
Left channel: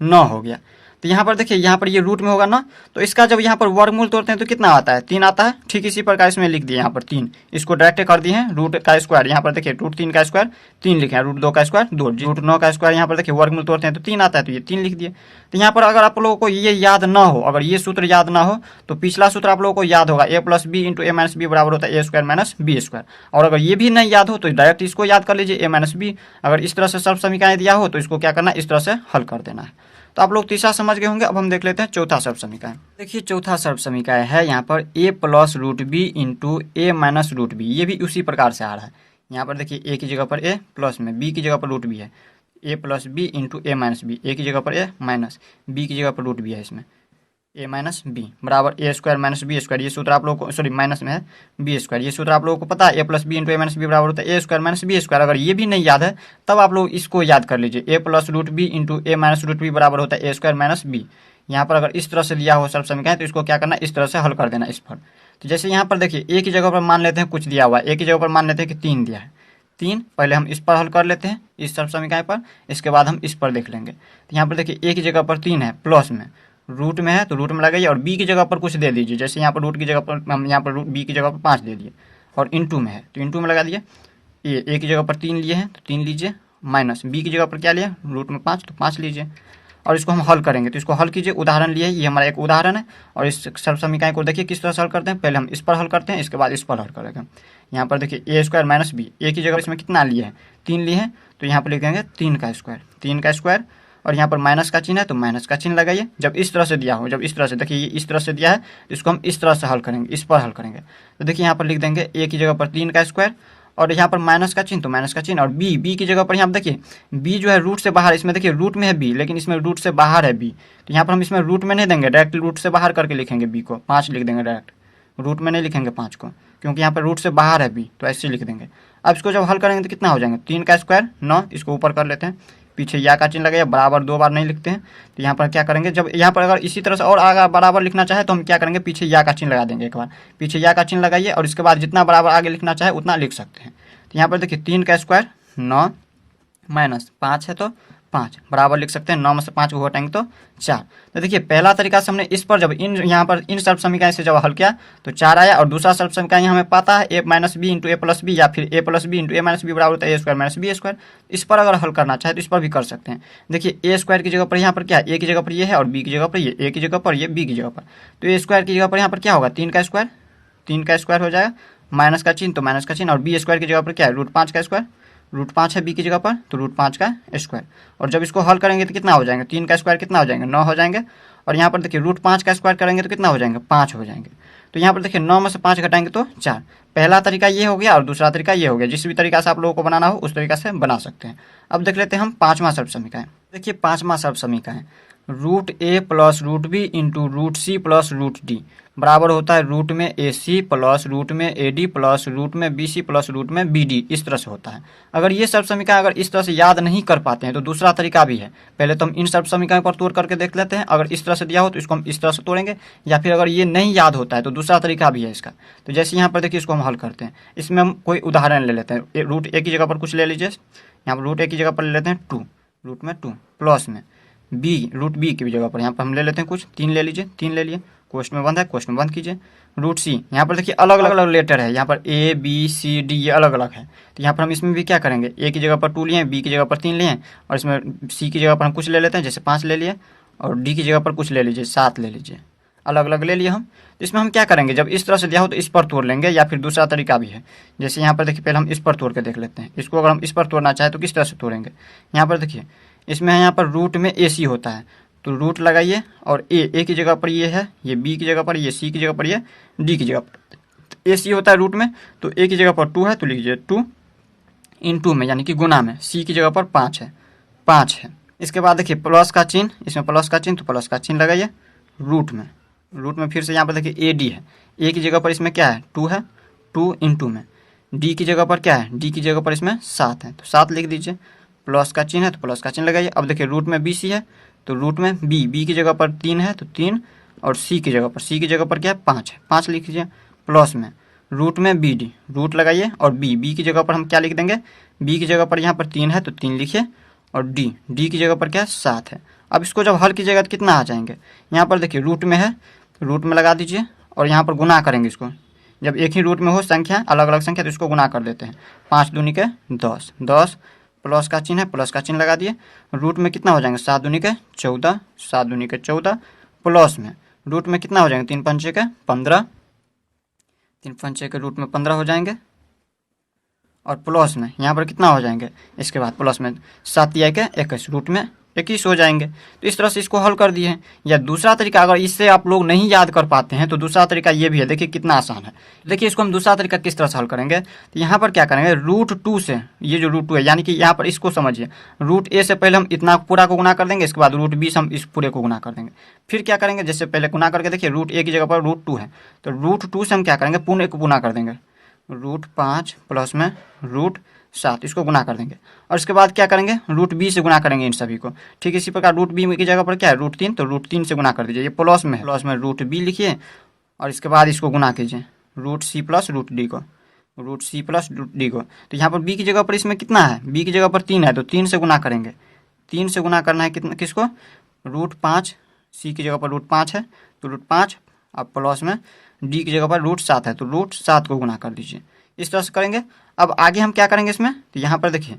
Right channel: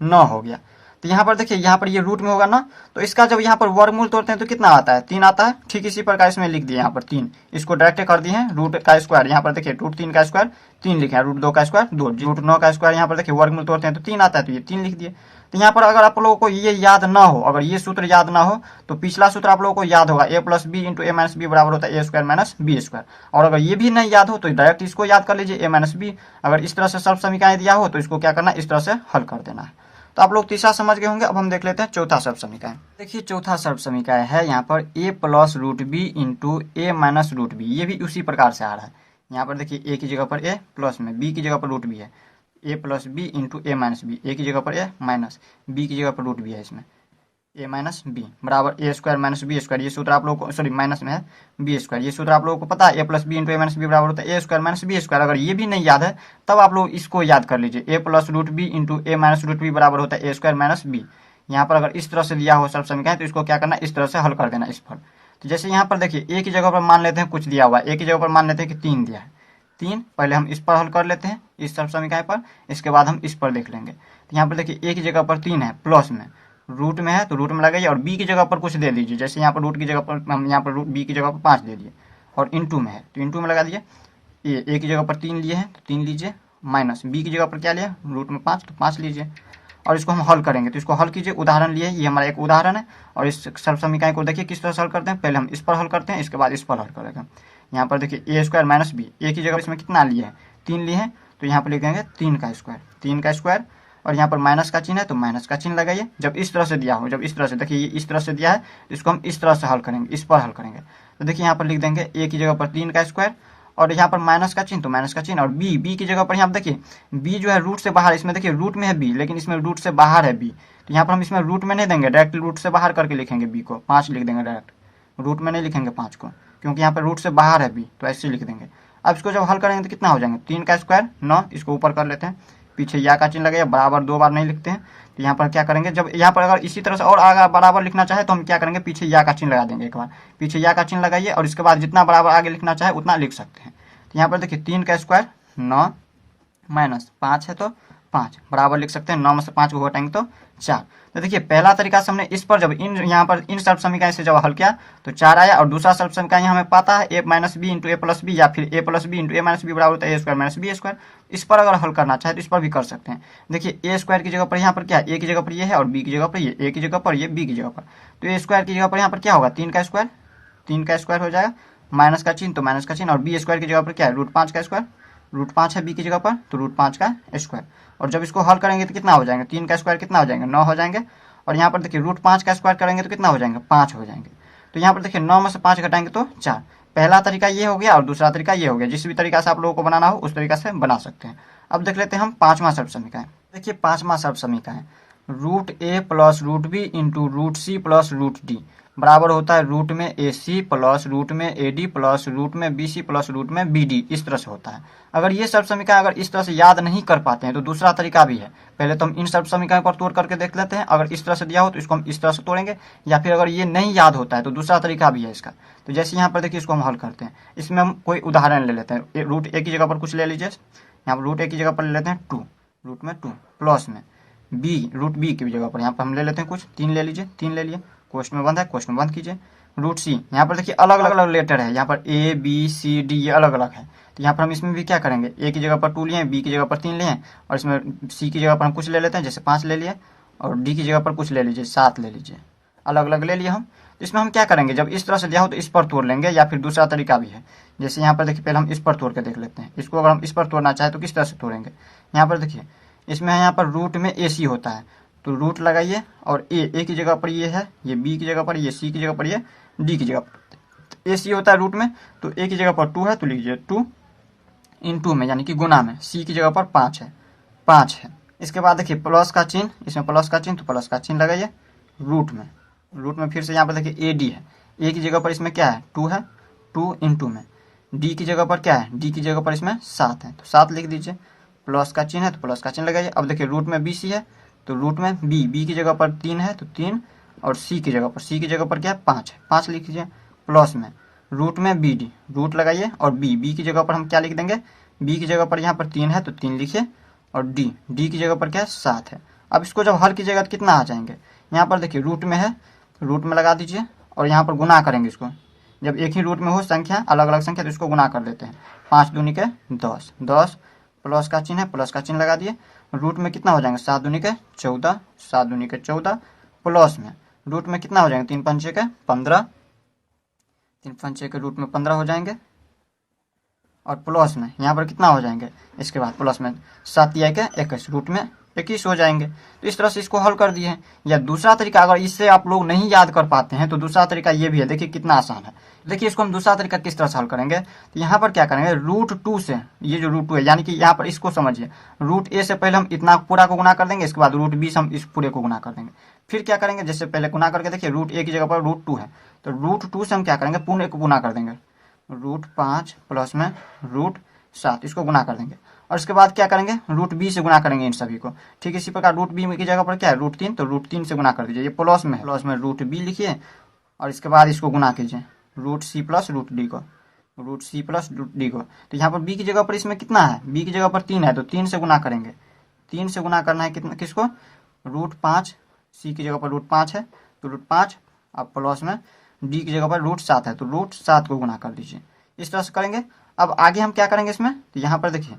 9 हो गया। तो यहाँ पर देखिए यहाँ पर ये रूट में होगा ना, तो इसका जब यहाँ पर वर्गमूल तोड़ते हैं तो कितना आता है? 3 आता है। ठीक इसी प्रकार इसमें लिख दिए यहाँ पर 3, इसको डायरेक्ट कर दिए हैं रूट का स्क्वायर। यहाँ पर देखिए रूट 3 का स्क्वायर 3 लिखे हैं, रूट 2 का स्क्वायर 2, रूट 9 का स्क्वायर यहाँ पर देखिए वर्गमूल तोड़ते हैं तो 3 आता है, तो ये 3 लिख दिए। तो यहाँ पर अगर आप लोगों को ये याद ना हो, अगर ये सूत्र याद ना हो तो पिछला सूत्र आप लोगों को याद होगा, ए plus b into a minus b बराबर होता है ए स्क्वायर माइनस बी स्क्वायर। और अगर ये भी नहीं याद हो तो डायरेक्ट इसको याद कर लीजिए, ए माइनस बी। अगर इस तरह से सब समीकरण दिया हो तो इसको क्या करना है? इस तरह से हल कर देना है। तो आप लोग तीसरा समझ गए होंगे। अब हम देख लेते हैं चौथा सर्वसमीकरण। देखिए चौथा सर्वसमीकरण है यहाँ पर a plus root B into a minus root b. ये भी उसी प्रकार से आ रहा है। यहाँ पर देखिए a की जगह पर a प्लस में b की जगह पर रूट बी है, a plus b into a minus b, a की जगह पर a माइनस b की जगह पर रूट बी है इसमें। ए माइनस बी बराबर a square minus b square. ये सूत्र आप लोगों को, सॉरी माइनस में है बी स्क्वायर, ये सूत्र आप लोगों को पता है, ए plus b into a minus b बराबर होता है ए स्क्वायर माइनस बी स्क्वायर। अगर ये भी नहीं याद है तब आप लोग इसको याद कर लीजिए, ए plus root B into a minus root b बराबर होता है ए स्क्वायर माइनस बी। यहाँ पर अगर इस तरह से दिया हो सब समीकरण तो इसको क्या करना, इस तरह से हल कर देना इस पर। तो जैसे यहाँ पर देखिए ए की जगह पर मान लेते हैं कुछ दिया हुआ है, ए की जगह पर मान लेते हैं कि 3 दिया है, 3 पहले हम इस पर हल कर लेते हैं इस सब समीकरण पर, इसके बाद हम इस पर देख लेंगे। तो यहाँ पर देखिए ए की जगह पर 3 है, प्लस में रूट में है तो रूट में लगाइए, और बी की जगह पर कुछ दे दीजिए, जैसे यहाँ पर रूट की जगह पर हम यहाँ पर बी की जगह पर 5 दे दिए, और इंटू में है तो इंटू में लगा दिए। ए की जगह पर 3 लिए हैं तो 3 लीजिए, माइनस बी की जगह पर क्या लिया रूट में 5 तो 5 लीजिए, और इसको हम हल करेंगे। तो इसको हल कीजिए, उदाहरण लिए, ये हमारा एक उदाहरण है। और इस सब समीकरण को देखिए किस तरह से हल करते हैं, पहले हम इस पर हल करते हैं, इसके बाद इस पर हल करेंगे। यहाँ पर देखिए ए स्क्वायर माइनस बी, ए की जगह इसमें कितना लिए हैं 3 लिए हैं, तो यहाँ पर लिखेंगे 3 का स्क्वायर, 3 का स्क्वायर, और यहाँ पर माइनस का चिन्ह है तो माइनस का चिन्ह लगाइए। जब इस तरह से दिया हो, जब इस तरह से देखिए ये इस तरह से दिया है तो इसको हम इस तरह से हल करेंगे, इस पर हल करेंगे। तो देखिए यहाँ पर लिख देंगे ए की जगह पर 3 का स्क्वायर, और यहाँ पर माइनस का चिन्ह तो माइनस का चिन्ह, और बी की जगह पर यहाँ पर देखिए बी जो है रूट से बाहर, इसमें देखिए रूट में है बी लेकिन इसमें रूट से बाहर है बी, तो यहाँ पर हम इसमें रूट में नहीं देंगे, डायरेक्ट रूट से बाहर करके लिखेंगे बी को, 5 लिख देंगे डायरेक्ट, रूट में नहीं लिखेंगे 5 को, क्योंकि यहाँ पर रूट से बाहर है बी, तो ऐसे लिख देंगे। अब इसको जब हल करेंगे तो कितना हो जाएंगे 3 का स्क्वायर 9, इसको ऊपर कर लेते हैं, पीछे या का चिन्ह लगाइए, बराबर 2 बार नहीं लिखते हैं। तो यहाँ पर क्या करेंगे, जब यहाँ पर अगर इसी तरह से और आगे बराबर लिखना चाहे तो हम क्या करेंगे, पीछे या का चिन्ह लगा देंगे, एक बार पीछे या का चिन्ह लगाइए, और इसके बाद जितना बराबर आगे लिखना चाहे उतना लिख सकते हैं। तो यहाँ पर देखिए 3 का स्क्वायर 9 माइनस 5 है तो 5 बराबर लिख सकते हैं, 9 में से 5 को घटाएंगे तो 4। तो देखिए पहला तरीका से हमने इस पर जब यहाँ पर इन सर्व समीकरण से जब हल किया तो 4 आया, और दूसरा सर्व समीकरण हमें पता है ए माइनस बी इंटू ए प्लस बी, या फिर ए plus b into a minus b बराबर होता है ए स्क्वायर माइनस बी स्क्वायर। इस पर अगर हल करना चाहे तो इस पर भी कर सकते हैं। देखिए ए स्क्वायर की जगह पर यहाँ पर क्या है, ए की जगह पर ये है, और बी की जगह पर ये, ए की जगह पर ये, बी की जगह पर, तो ए स्क्वायर की जगह पर यहाँ पर क्या होगा 3 का स्क्वायर, 3 का स्क्वायर हो जाएगा, माइनस का चिन्ह तो माइनस का चिन्ह, और बी स्क्वायर की जगह पर क्या है रूट 5 का स्क्वायर, रूट 5 है बी की जगह पर तो रूट 5 का स्क्वायर। और जब इसको हल करेंगे तो कितना हो जाएंगे, 3 का स्क्वायर कितना हो जाएंगे 9 हो जाएंगे, और यहाँ पर देखिए रूट 5 का स्क्वायर करेंगे तो कितना हो जाएंगे 5 हो जाएंगे। तो यहाँ पर देखिए 9 में से 5 घटाएंगे तो 4। पहला तरीका ये हो गया और दूसरा तरीका ये हो गया, जिस भी तरीका से आप लोगों को बनाना हो उस तरीका से बना सकते हैं। अब देख लेते हैं हम 5वां सर्व समीकरण। देखिए 5वां सर्व समीकरण root A plus root B into root C plus root D बराबर होता है रूट में ए सी प्लस रूट में ए डी प्लस रूट में बी सी प्लस रूट में बी डी, इस तरह से होता है। अगर ये सर्व समीकरण अगर इस तरह से याद नहीं कर पाते हैं तो दूसरा तरीका भी है, पहले तो हम इन सर्व समीकरण पर तोड़ करके देख लेते हैं, अगर इस तरह से दिया हो तो इसको हम इस तरह से तोड़ेंगे, या फिर अगर ये नहीं याद होता है तो दूसरा तरीका भी है इसका। तो जैसे यहाँ पर देखिए इसको हम हल करते हैं, इसमें हम कोई उदाहरण ले लेते हैं, रूट ए की जगह पर कुछ ले लीजिए, यहाँ पर रूट ए की जगह पर ले लेते हैं 2, रूट में 2 प्लस में बी, रूट बी की जगह पर यहाँ पर हम ले लेते हैं कुछ 3 ले लीजिए, 3 ले लिए, कोष्ठ में बंद है कोष्ठ में बंद कीजिए, रूट सी, यहाँ पर देखिए अलग अलग लेटर है, यहाँ पर ए बी सी डी ये अलग अलग है, तो यहाँ पर हम इसमें भी क्या करेंगे, ए की जगह पर 2 लिए, बी की जगह पर 3 लिए, और इसमें सी की जगह पर हम कुछ ले लेते हैं, जैसे 5 ले लिए, और डी की जगह पर कुछ ले लीजिए 7 ले लीजिए, अलग अलग ले लिए हम। तो इसमें हम क्या करेंगे, जब इस तरह से दिया हो तो इस पर तोड़ लेंगे, या फिर दूसरा तरीका भी है, जैसे यहाँ पर देखिए पहले हम इस पर तोड़ के देख लेते हैं, इसको अगर हम इस पर तोड़ना चाहें तो किस तरह से तोड़ेंगे। यहाँ पर देखिए इसमें यहाँ पर रूट में ए सी होता है तो रूट लगाइए, और ए की जगह पर ये है, ये बी की जगह पर, ये सी की जगह पर, ये डी की जगह पर, ए सी होता है रूट में तो ए की जगह पर 2 है तो लीजिए 2 इंटू में यानी कि गुना में, सी की जगह पर 5 है, 5 है। इसके बाद देखिए प्लस का चिन्ह, इसमें प्लस का चिन्ह तो प्लस का चिन्ह लगाइए, रूट में फिर से यहाँ पर देखिए ए डी है, ए की जगह पर इसमें क्या है 2 है, 2 इंटू में, डी की जगह पर क्या है, डी की जगह पर इसमें 7 है तो 7 लिख दीजिए, प्लस का चिन्ह है तो प्लस का चिन्ह लगाइए। अब देखिए रूट में बी सी है तो रूट में बी की जगह पर 3 है तो 3, और सी की जगह पर क्या है 5 है, 5 लिख लीजिए, प्लस में रूट में बी डी, रूट लगाइए, और बी की जगह पर हम क्या लिख देंगे, बी की जगह पर यहाँ पर 3 है तो 3 लिखिए, और डी की जगह पर क्या है 7 है। अब इसको जब हल कीजिएगा तो कितना आ जाएंगे, यहाँ पर देखिए रूट में है रूट में लगा दीजिए, और यहाँ पर गुना करेंगे इसको, जब एक ही रूट में हो संख्या अलग अलग संख्या तो इसको गुना कर देते हैं, 5 दूनी के 10, 10 प्लस का चिन्ह है प्लस का चिन्ह लगा दिए, रूट में कितना हो जाएंगे 7 दूनी के 14, 7 दूनी के 14, प्लस में रूट में कितना हो जाएंगे 3 पंचे के 15, 3 पंचे के रूट में 15 हो जाएंगे, और प्लस में यहाँ पर कितना हो जाएंगे, इसके बाद प्लस में 7 या के 21, रूट में 21 हो जाएंगे। तो इस तरह से इसको हल कर दिए हैं। या दूसरा तरीका, अगर इससे आप लोग नहीं याद कर पाते हैं तो दूसरा तरीका ये भी है, देखिए कितना आसान है। देखिए इसको हम दूसरा तरीका किस तरह से हल करेंगे, तो यहाँ पर क्या करेंगे, √2 से, ये जो √2 है यानी कि यहाँ पर इसको समझिए, √a से पहले हम इतना पूरा को गुना कर देंगे, इसके बाद √b से हम इस पूरे को गुना कर देंगे। फिर क्या करेंगे, जैसे पहले गुना करके देखिए √a की जगह पर √2 है, तो √2 से हम क्या करेंगे, पूर्ण को गुना कर देंगे, √5 प्लस में √7, इसको गुना कर देंगे। और इसके बाद क्या करेंगे, √b से गुना करेंगे इन सभी को। ठीक इसी प्रकार √b की जगह पर क्या है, √3, तो √3 से गुना कर दीजिए, ये प्लस में है, प्लस में √b लिखिए और इसके बाद इसको गुना कीजिए √c प्लस √d को, √c प्लस √d को। तो यहाँ पर b की जगह पर इसमें कितना है, b की जगह पर 3 है, तो 3 से गुना करेंगे, 3 से गुना करना है कितना, किसको, √5, c की जगह पर √5 है तो √5, अब प्लस में d की जगह पर √7 है तो √7 को गुना कर दीजिए। इस तरह से करेंगे। अब आगे हम क्या करेंगे इसमें, तो यहाँ पर देखिए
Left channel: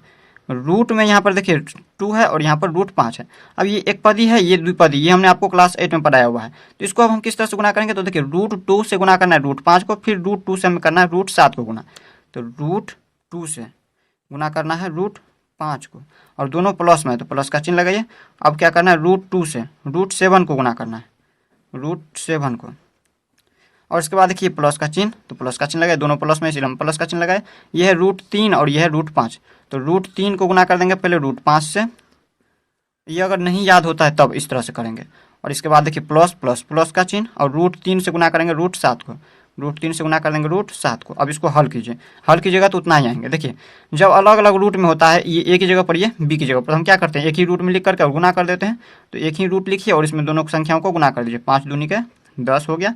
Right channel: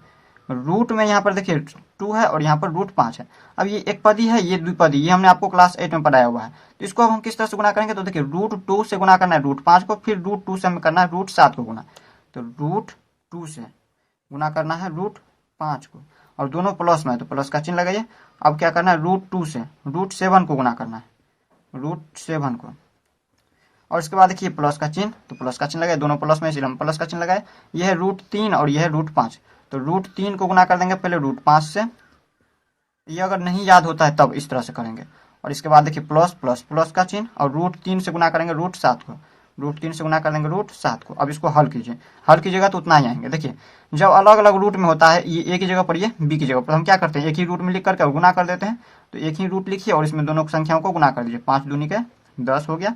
रूट में यहाँ पर देखिए 2 है और यहाँ पर √5 है। अब ये एक पदी है, ये द्विपदी, ये हमने आपको क्लास 8 में पढ़ाया हुआ है। तो इसको अब हम किस तरह से गुना करेंगे, तो देखिए √2 से गुना करना है √5 को, फिर √2 से हमें करना है √7 को गुना। तो √2 से गुना करना है √5 को, और दोनों प्लस में है तो प्लस का चिन्ह लगाइए। अब क्या करना है, √2 से √7 को गुना करना है, √7 को, और इसके बाद देखिए प्लस का चिन्ह, तो प्लस का चिन्ह लगाए, दोनों प्लस में इसलिए हम प्लस का चिन्ह लगाए। ये है √3 और ये है √5, तो √3 को गुना कर देंगे पहले √5 से। ये अगर नहीं याद होता है तब इस तरह से करेंगे। और इसके बाद देखिए प्लस प्लस प्लस का चिन्ह, और √3 से गुना करेंगे √7 को, √3 से गुना कर देंगे √7 को। अब इसको हल कीजिए, हल कीजिएगा तो उतना ही आएंगे। देखिए जब अलग अलग रूट में होता है, ये ए की जगह पर, ये बी की जगह पर, हम क्या करते हैं, एक ही रूट में लिख करके और गुना कर देते हैं। तो एक ही रूट लिखिए और इसमें दोनों संख्याओं को गुना कर दीजिए, 5 दूनी के 10 हो गया,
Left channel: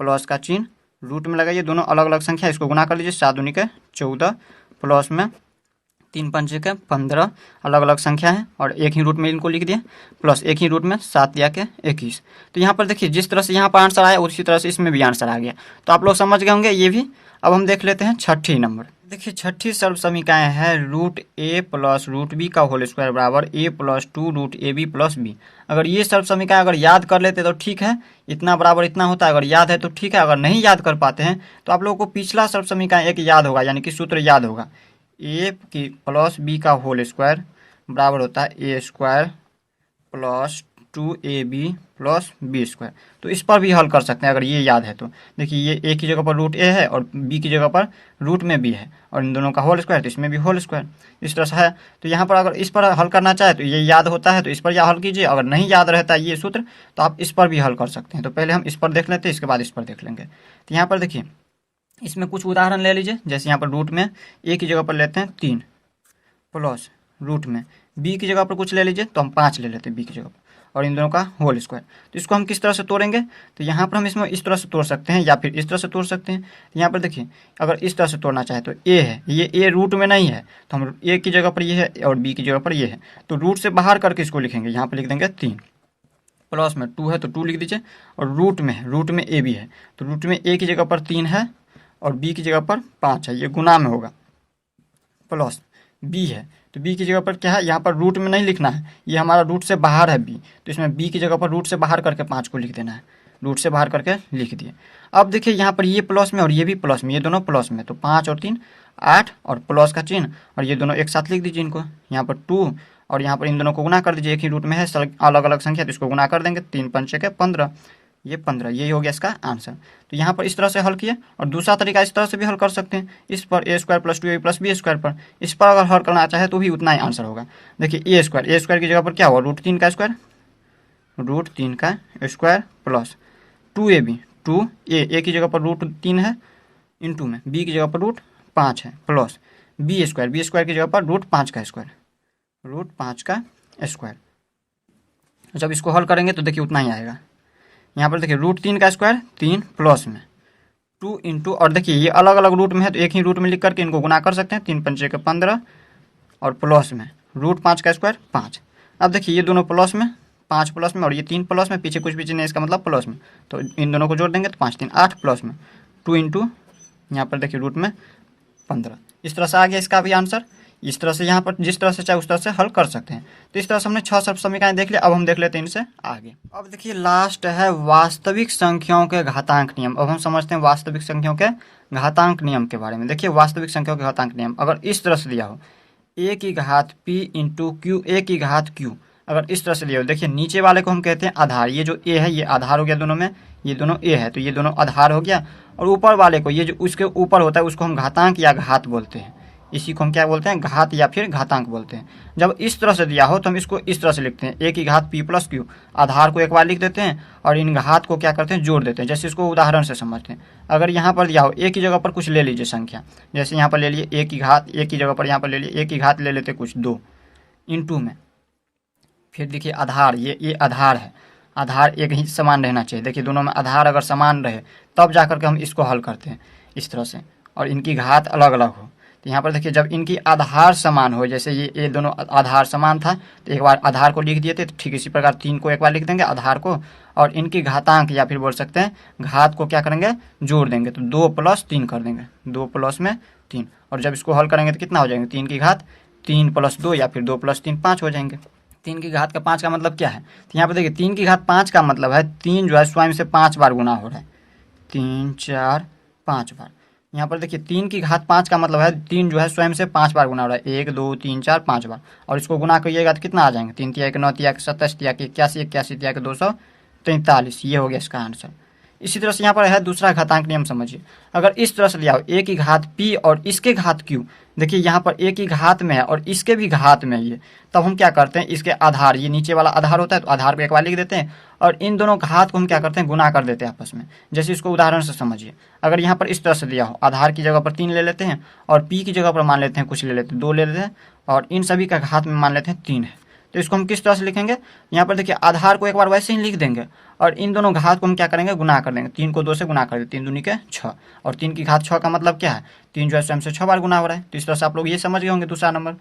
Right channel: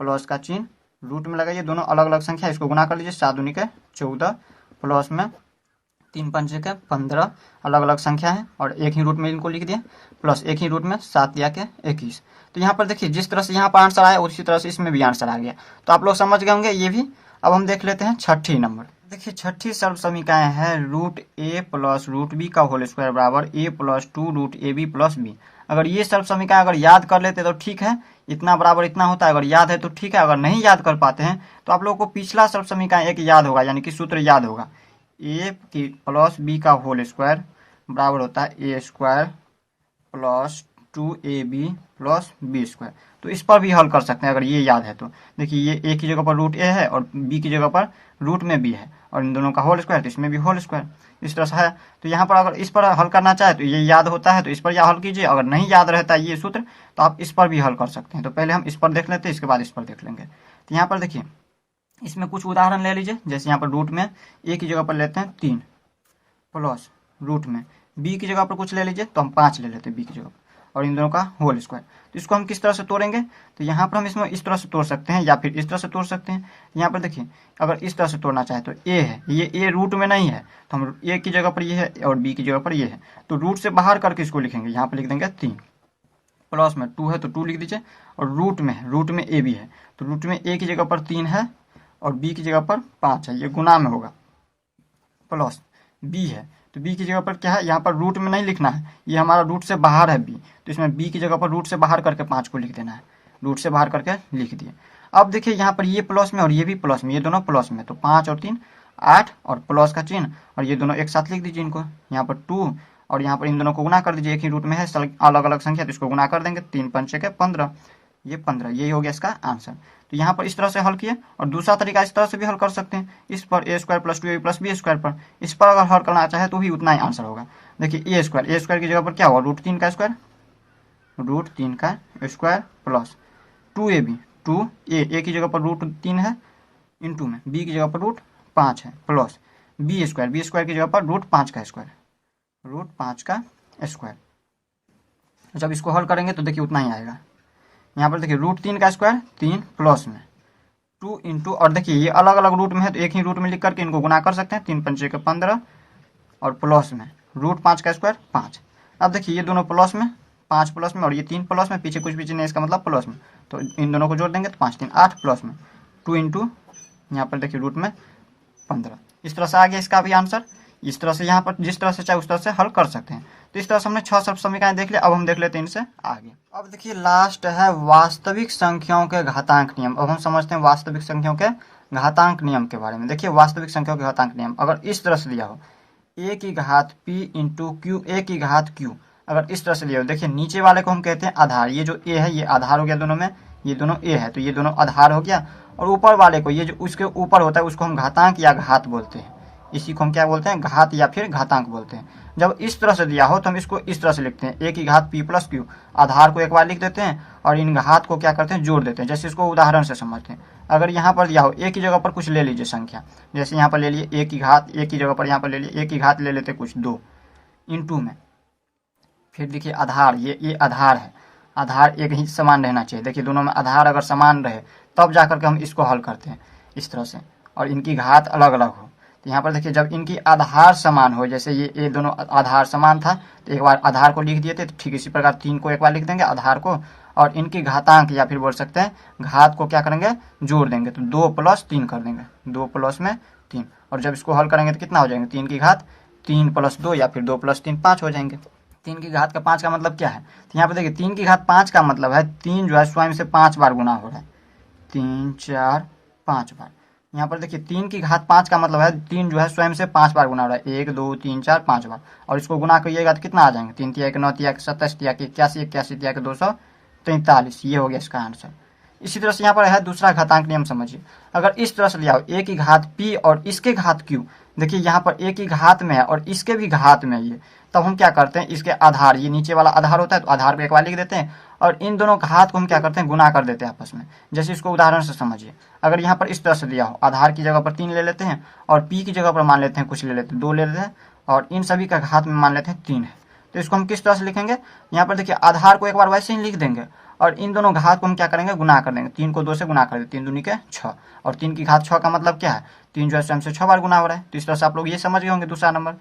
प्लस का चिन्ह रूट में लगाइए, दोनों अलग अलग संख्या, इसको गुना कर लीजिए, 7 दूनी के 14, प्लस में 3 पंचे के 15, अलग अलग संख्या है और एक ही रूट में इनको लिख दिया, प्लस एक ही रूट में 7 दिया के 21। तो यहाँ पर देखिए जिस तरह से यहाँ पर आंसर आया उसी तरह से इसमें भी आंसर आ गया। तो आप लोग समझ गए होंगे ये भी। अब हम देख लेते हैं छठी नंबर। देखिए छठी सर्व समीकरण है √a प्लस √b का होल स्क्वायर बराबर a plus 2 √ab plus b। अगर ये सर्व समीकरण अगर याद कर लेते तो ठीक है, इतना बराबर इतना होता है, अगर याद है तो ठीक है। अगर नहीं याद कर पाते हैं तो आप लोगों को पिछला सर्व समीकरण एक याद होगा, यानी कि सूत्र याद होगा, a की प्लस b का होल स्क्वायर बराबर होता है a square plus 2ab plus b square. तो इस पर भी हल कर सकते हैं अगर ये याद है तो। देखिए ये a की जगह पर √a है और b की जगह पर रूट में b है, और इन दोनों का होल स्क्वायर, तो इसमें भी होल स्क्वायर, इस तरह से है। तो यहाँ पर अगर इस पर हल करना चाहे तो ये याद होता है तो इस पर या हल कीजिए, अगर नहीं याद रहता है ये सूत्र तो आप इस पर भी हल कर सकते हैं। तो पहले हम इस पर देख लेते हैं, इसके बाद इस पर देख लेंगे। तो यहाँ पर देखिए इसमें कुछ उदाहरण ले लीजिए, जैसे यहाँ पर रूट में a की जगह पर लेते हैं 3 प्लस रूट में b की जगह पर कुछ ले लीजिए, तो हम 5 ले लेते हैं b की जगह पर, और इन दोनों का होल स्क्वायर। तो इसको हम किस तरह से तोड़ेंगे, तो यहाँ पर हम इसमें इस तरह से तोड़ सकते हैं या फिर इस तरह से तोड़ सकते हैं। यहाँ पर देखिए अगर इस तरह से तोड़ना चाहे तो a है, ये a रूट में नहीं है तो हम a की जगह पर ये है और b की जगह पर ये है, तो रूट से बाहर करके इसको लिखेंगे। यहाँ पर लिख देंगे 3, प्लस में 2 है तो 2 लिख दीजिए, और रूट में a भी है तो रूट में a की जगह पर 3 है और b की जगह पर 5 है, ये गुना में होगा, प्लस b है तो b की जगह पर क्या है, यहाँ पर रूट में नहीं लिखना है, ये हमारा रूट से बाहर है b, तो इसमें b की जगह पर रूट से बाहर करके 5 को लिख देना है, रूट से बाहर करके लिख दिए। अब देखिए यहाँ पर ये प्लस में और ये भी प्लस में, ये दोनों प्लस में, तो 5 और 3 8 और प्लस का चिन्ह, और ये दोनों एक साथ लिख दीजिए इनको, यहाँ पर 2 और यहाँ पर इन दोनों को गुना कर दीजिए, एक ही रूट में है अलग अलग संख्या तो इसको गुना कर देंगे, 3 पंचे के 15, ये 15, यही हो गया इसका आंसर। तो यहाँ पर इस तरह से हल किए, और दूसरा तरीका इस तरह से भी हल कर सकते हैं, इस पर a square plus 2ab plus b square पर, इस पर अगर हल करना चाहे तो भी उतना ही आंसर होगा। देखिए a स्क्वायर की जगह पर क्या होगा, √3 का स्क्वायर, √3 का स्क्वायर प्लस 2ab, 2a की जगह पर √3 है इंटू में b की जगह पर √5 है, प्लस b स्क्वायर की जगह पर √5 का स्क्वायर, √5 का स्क्वायर। जब इसको हल करेंगे तो देखिए उतना ही आएगा। यहाँ पर देखिए √3 का स्क्वायर 3 प्लस में 2 इंटू, और देखिए ये अलग अलग रूट में है तो एक ही रूट में लिख करके इनको गुना कर सकते हैं, 3 पंचे के 15 और प्लस में √5 का स्क्वायर 5। अब देखिए ये दोनों प्लस में, 5 प्लस में और ये 3 प्लस में, पीछे कुछ भी नहीं, इसका मतलब प्लस में, तो इन दोनों को जोड़ देंगे तो 5 3 8 प्लस में 2 इंटू यहाँ पर देखिए रूट में 15। इस तरह से आ गया इसका भी आंसर। इस तरह से यहाँ पर जिस तरह से चाहे उस तरह से हल कर सकते हैं। तो इस तरह से हमने 6 सर्व समीकरण देख लिया। अब हम देख लेते हैं इनसे आगे। अब देखिए लास्ट है वास्तविक संख्याओं के घातांक नियम। अब हम समझते हैं वास्तविक संख्याओं के घातांक नियम के बारे में। देखिए वास्तविक संख्याओं के घातांक नियम अगर इस तरह से दिया हो, a की घात p इंटू क्यू, a की घात q, अगर इस तरह से दिया हो, देखिए नीचे वाले को हम कहते हैं आधार, ये जो ए है ये आधार हो गया दोनों में, ये दोनों ए है तो ये दोनों आधार हो गया। और ऊपर वाले को, ये जो उसके ऊपर होता है उसको हम घातांक या घात बोलते हैं, इसी को हम क्या बोलते हैं, घात या फिर घातांक बोलते हैं। जब इस तरह से दिया हो तो हम इसको इस तरह से लिखते हैं, ए की घात पी प्लस क्यू, आधार को एक बार लिख देते हैं और इन घात को क्या करते हैं, जोड़ देते हैं। जैसे इसको उदाहरण से समझते हैं, अगर यहाँ पर दिया हो ए की जगह पर कुछ ले लीजिए संख्या, जैसे यहाँ पर ले लिए ए की घात, ए की जगह पर यहाँ पर ले लिए ए की घात ले लेते कुछ 2 इंटू में, फिर देखिए आधार, ये आधार है, आधार एक ही समान रहना चाहिए। देखिए दोनों में आधार अगर समान रहे तब जाकर के हम इसको हल करते हैं इस तरह से, और इनकी घात अलग अलग हो। तो यहाँ पर देखिए जब इनकी आधार समान हो, जैसे ये दोनों आधार समान था तो एक बार आधार को लिख दिए थे, तो ठीक इसी प्रकार 3 को एक बार लिख देंगे आधार को, और इनकी घातांक या फिर बोल सकते हैं घात को क्या करेंगे, जोड़ देंगे, तो 2 + 3 कर देंगे, 2 + 3। और जब इसको हल करेंगे तो कितना हो जाएंगे, 3 की घात 3 + 2 या फिर 2 + 3 5 हो जाएंगे। 3 की घात का 5 का मतलब क्या है, तो यहाँ पर देखिए 3 की घात 5 का मतलब है 3 जो है स्वयं से 5 बार गुना हो रहा है, 3 4 5 बार। यहाँ पर देखिए 3 की घात 5 का मतलब है 3 जो है स्वयं से 5 बार गुना हो रहा है, 1 2 3 4 5 बार। और इसको गुना करिएगा तो कितना आ जाएंगे, 3 तिया 9 तिया 27 तिया 81 81 तिया 243, ये हो गया इसका आंसर। इसी तरह से यहाँ पर है दूसरा घातांक नियम समझिए, अगर इस तरह से लिया हो ए की घात पी और इसके घात क्यू, देखिए यहाँ पर ए की घात में है और इसके भी घात में ये, तब हम क्या करते हैं, इसके आधार, ये नीचे वाला आधार होता है तो आधार को एक बार लिख देते हैं और इन दोनों घात को हम क्या करते हैं, गुना कर देते हैं आपस में। जैसे इसको उदाहरण से समझिए, अगर यहाँ पर इस तरह से दिया हो, आधार की जगह पर 3 ले लेते हैं और पी की जगह पर मान लेते हैं कुछ ले लेते हैं 2 ले लेते हैं, और इन सभी का घात में मान लेते हैं 3 है, तो इसको हम किस तरह से लिखेंगे, यहाँ पर देखिए आधार को एक बार वैसे ही लिख देंगे और इन दोनों घात को हम क्या करेंगे, गुना कर देंगे। 3 को 2 से गुना कर देंगे, 3 दूनी के 6, और 3 की घात 6 का मतलब क्या है, 3 जो है स्वयं से 6 बार गुना हो रहा है। तो इस तरह से आप लोग ये समझ गए होंगे दूसरा नंबर।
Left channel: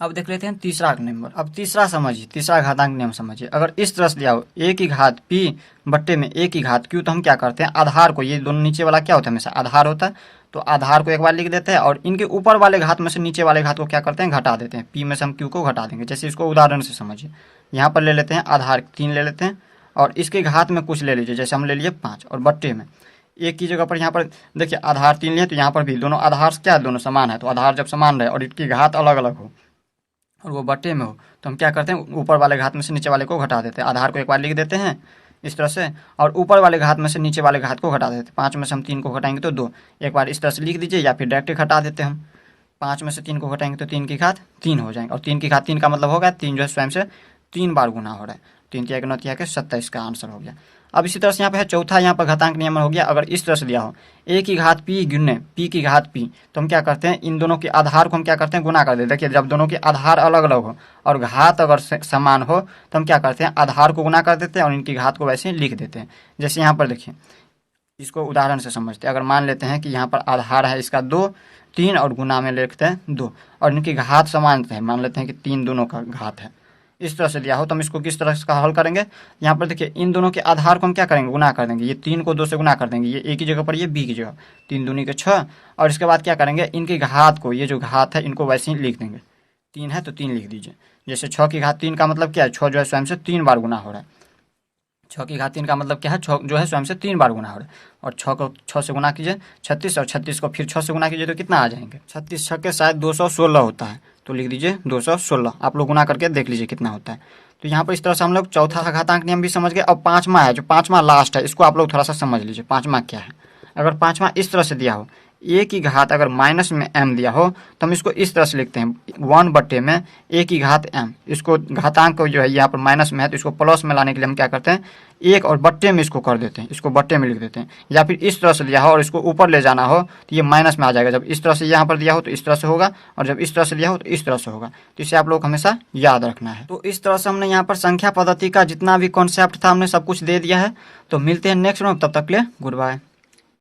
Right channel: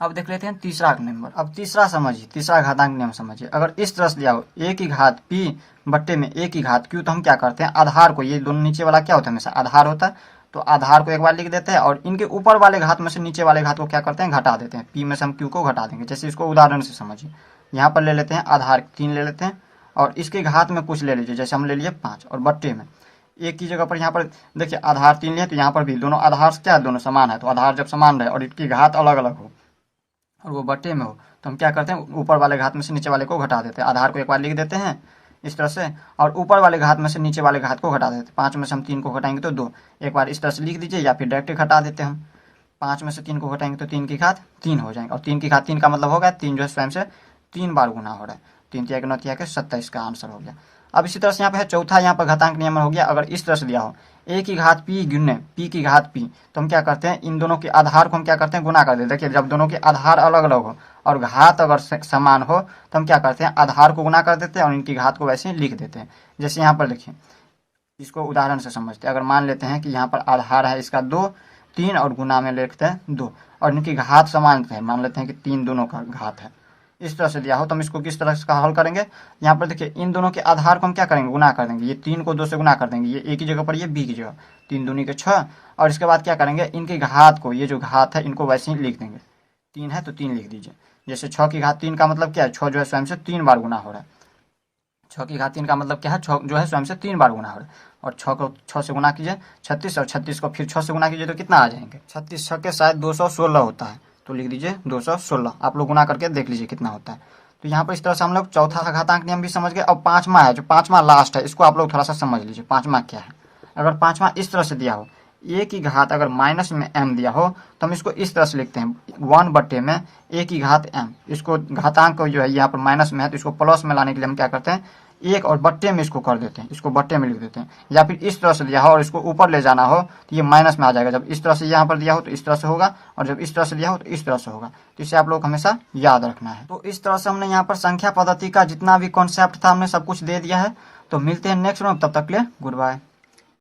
अब देख लेते हैं तीसरा नंबर। अब तीसरा समझिए, तीसरा घातांक नियम समझिए, अगर इस तरह से लिया हो ए की घात पी बट्टे में ए की घात क्यू, तो हम क्या करते हैं, आधार को, ये दोनों नीचे वाला क्या होता है, हमेशा आधार होता है, तो आधार को एक बार लिख देते हैं और इनके ऊपर वाले घात में से नीचे वाले घात को क्या करते हैं, घटा देते हैं। पी में से हम क्यू को घटा देंगे। जैसे इसको उदाहरण से समझिए, यहाँ पर ले लेते हैं आधार 3 ले लेते हैं और इसके घात में कुछ ले लीजिए, जैसे हम ले लिए 5, और बट्टे में एक की जगह पर यहाँ पर देखिए आधार 3 लिए, तो यहाँ पर भी दोनों आधार क्या है, दोनों समान है, तो आधार जब समान रहे और इनकी घात अलग अलग हो और वो बट्टे में हो, तो हम क्या करते हैं, ऊपर वाले घात में से नीचे वाले को घटा देते हैं। आधार को एक बार लिख देते हैं इस तरह से, और ऊपर वाले घात में से नीचे वाले घात को घटा देते हैं। 5 में से हम 3 को घटाएंगे तो 2, एक बार इस तरह से लिख दीजिए या फिर डायरेक्ट घटा देते हैं हम। 5 में से 3 को घटाएंगे तो 3 की घात 3 हो जाएंगे, और 3 की घात 3 का मतलब होगा 3 जो है स्वयं से 3 बार गुना हो रहा है, 3 तिया 9 तिया 27 का आंसर हो गया। अब इसी तरह से यहाँ पे है चौथा, यहाँ पर घातांक नियमन हो गया, अगर इस तरह से दिया हो ए की घात पी गुने पी की घात पी, तो हम क्या करते हैं, इन दोनों के आधार को हम क्या करते हैं, गुना कर देते हैं। देखिए जब दोनों के आधार अलग अलग हो और घात अगर समान हो तो हम क्या करते हैं, आधार को गुना कर देते हैं और इनकी घात को वैसे ही लिख देते हैं। जैसे यहाँ पर देखिए, इसको उदाहरण से समझते हैं, अगर मान लेते हैं कि यहाँ पर आधार है इसका 2 3 और गुना में लिखते हैं 2 और इनकी घात समान है, मान लेते हैं कि 3 दोनों का घात है, इस तरह से दिया हो तो हम इसको किस तरह से हल करेंगे। यहाँ पर देखिए इन दोनों के आधार को हम क्या करेंगे, गुना कर देंगे। ये 3 को 2 से गुना कर देंगे, ये ए की जगह पर ये बी की जगह, 3 दूनी के 6, और इसके बाद क्या करेंगे, इनकी घात को, ये जो घात है इनको वैसे ही लिख देंगे। 3 है तो 3 लिख दीजिए। जैसे 6 की घात 3 का मतलब क्या है, 6 जो है स्वयं से 3 बार गुना हो रहा है। 6 की घात 3 का मतलब क्या है, 6 जो है स्वयं से 3 बार गुना हो रहा है, और 6 को 6 से गुना कीजिए 36, और 36 को फिर 6 से गुना कीजिए तो कितना आ जाएंगे, 36 6 के शायद 216 होता है, तो लिख दीजिए 216। आप लोग गुना करके देख लीजिए कितना होता है। तो यहाँ पर इस तरह से हम लोग चौथा घातांक नियम भी समझ गए। अब पांचवा है, जो पांचवा लास्ट है, इसको आप लोग थोड़ा सा समझ लीजिए पांचवा क्या है। अगर पांचवा इस तरह से दिया हो, ए की घात अगर माइनस में m दिया हो तो हम इसको इस तरह से लिखते हैं 1 बट्टे में ए की घात m। इसको घातांक को जो है यहाँ पर माइनस में है तो इसको प्लस में लाने के लिए हम क्या करते हैं, 1 और बट्टे में इसको कर देते हैं, इसको बट्टे में लिख देते हैं। या फिर इस तरह से दिया हो और इसको ऊपर ले जाना हो तो ये माइनस में आ जाएगा। जब इस तरह से यहाँ पर दिया हो तो इस तरह से होगा, और जब इस तरह से दिया हो तो इस तरह से होगा। तो इसे आप लोग हमेशा याद रखना है। तो इस तरह से हमने यहाँ पर संख्या पद्धति का जितना भी कॉन्सेप्ट था हमने सब कुछ दे दिया है। तो मिलते हैं नेक्स्ट में, तब तक के लिए गुड बाय।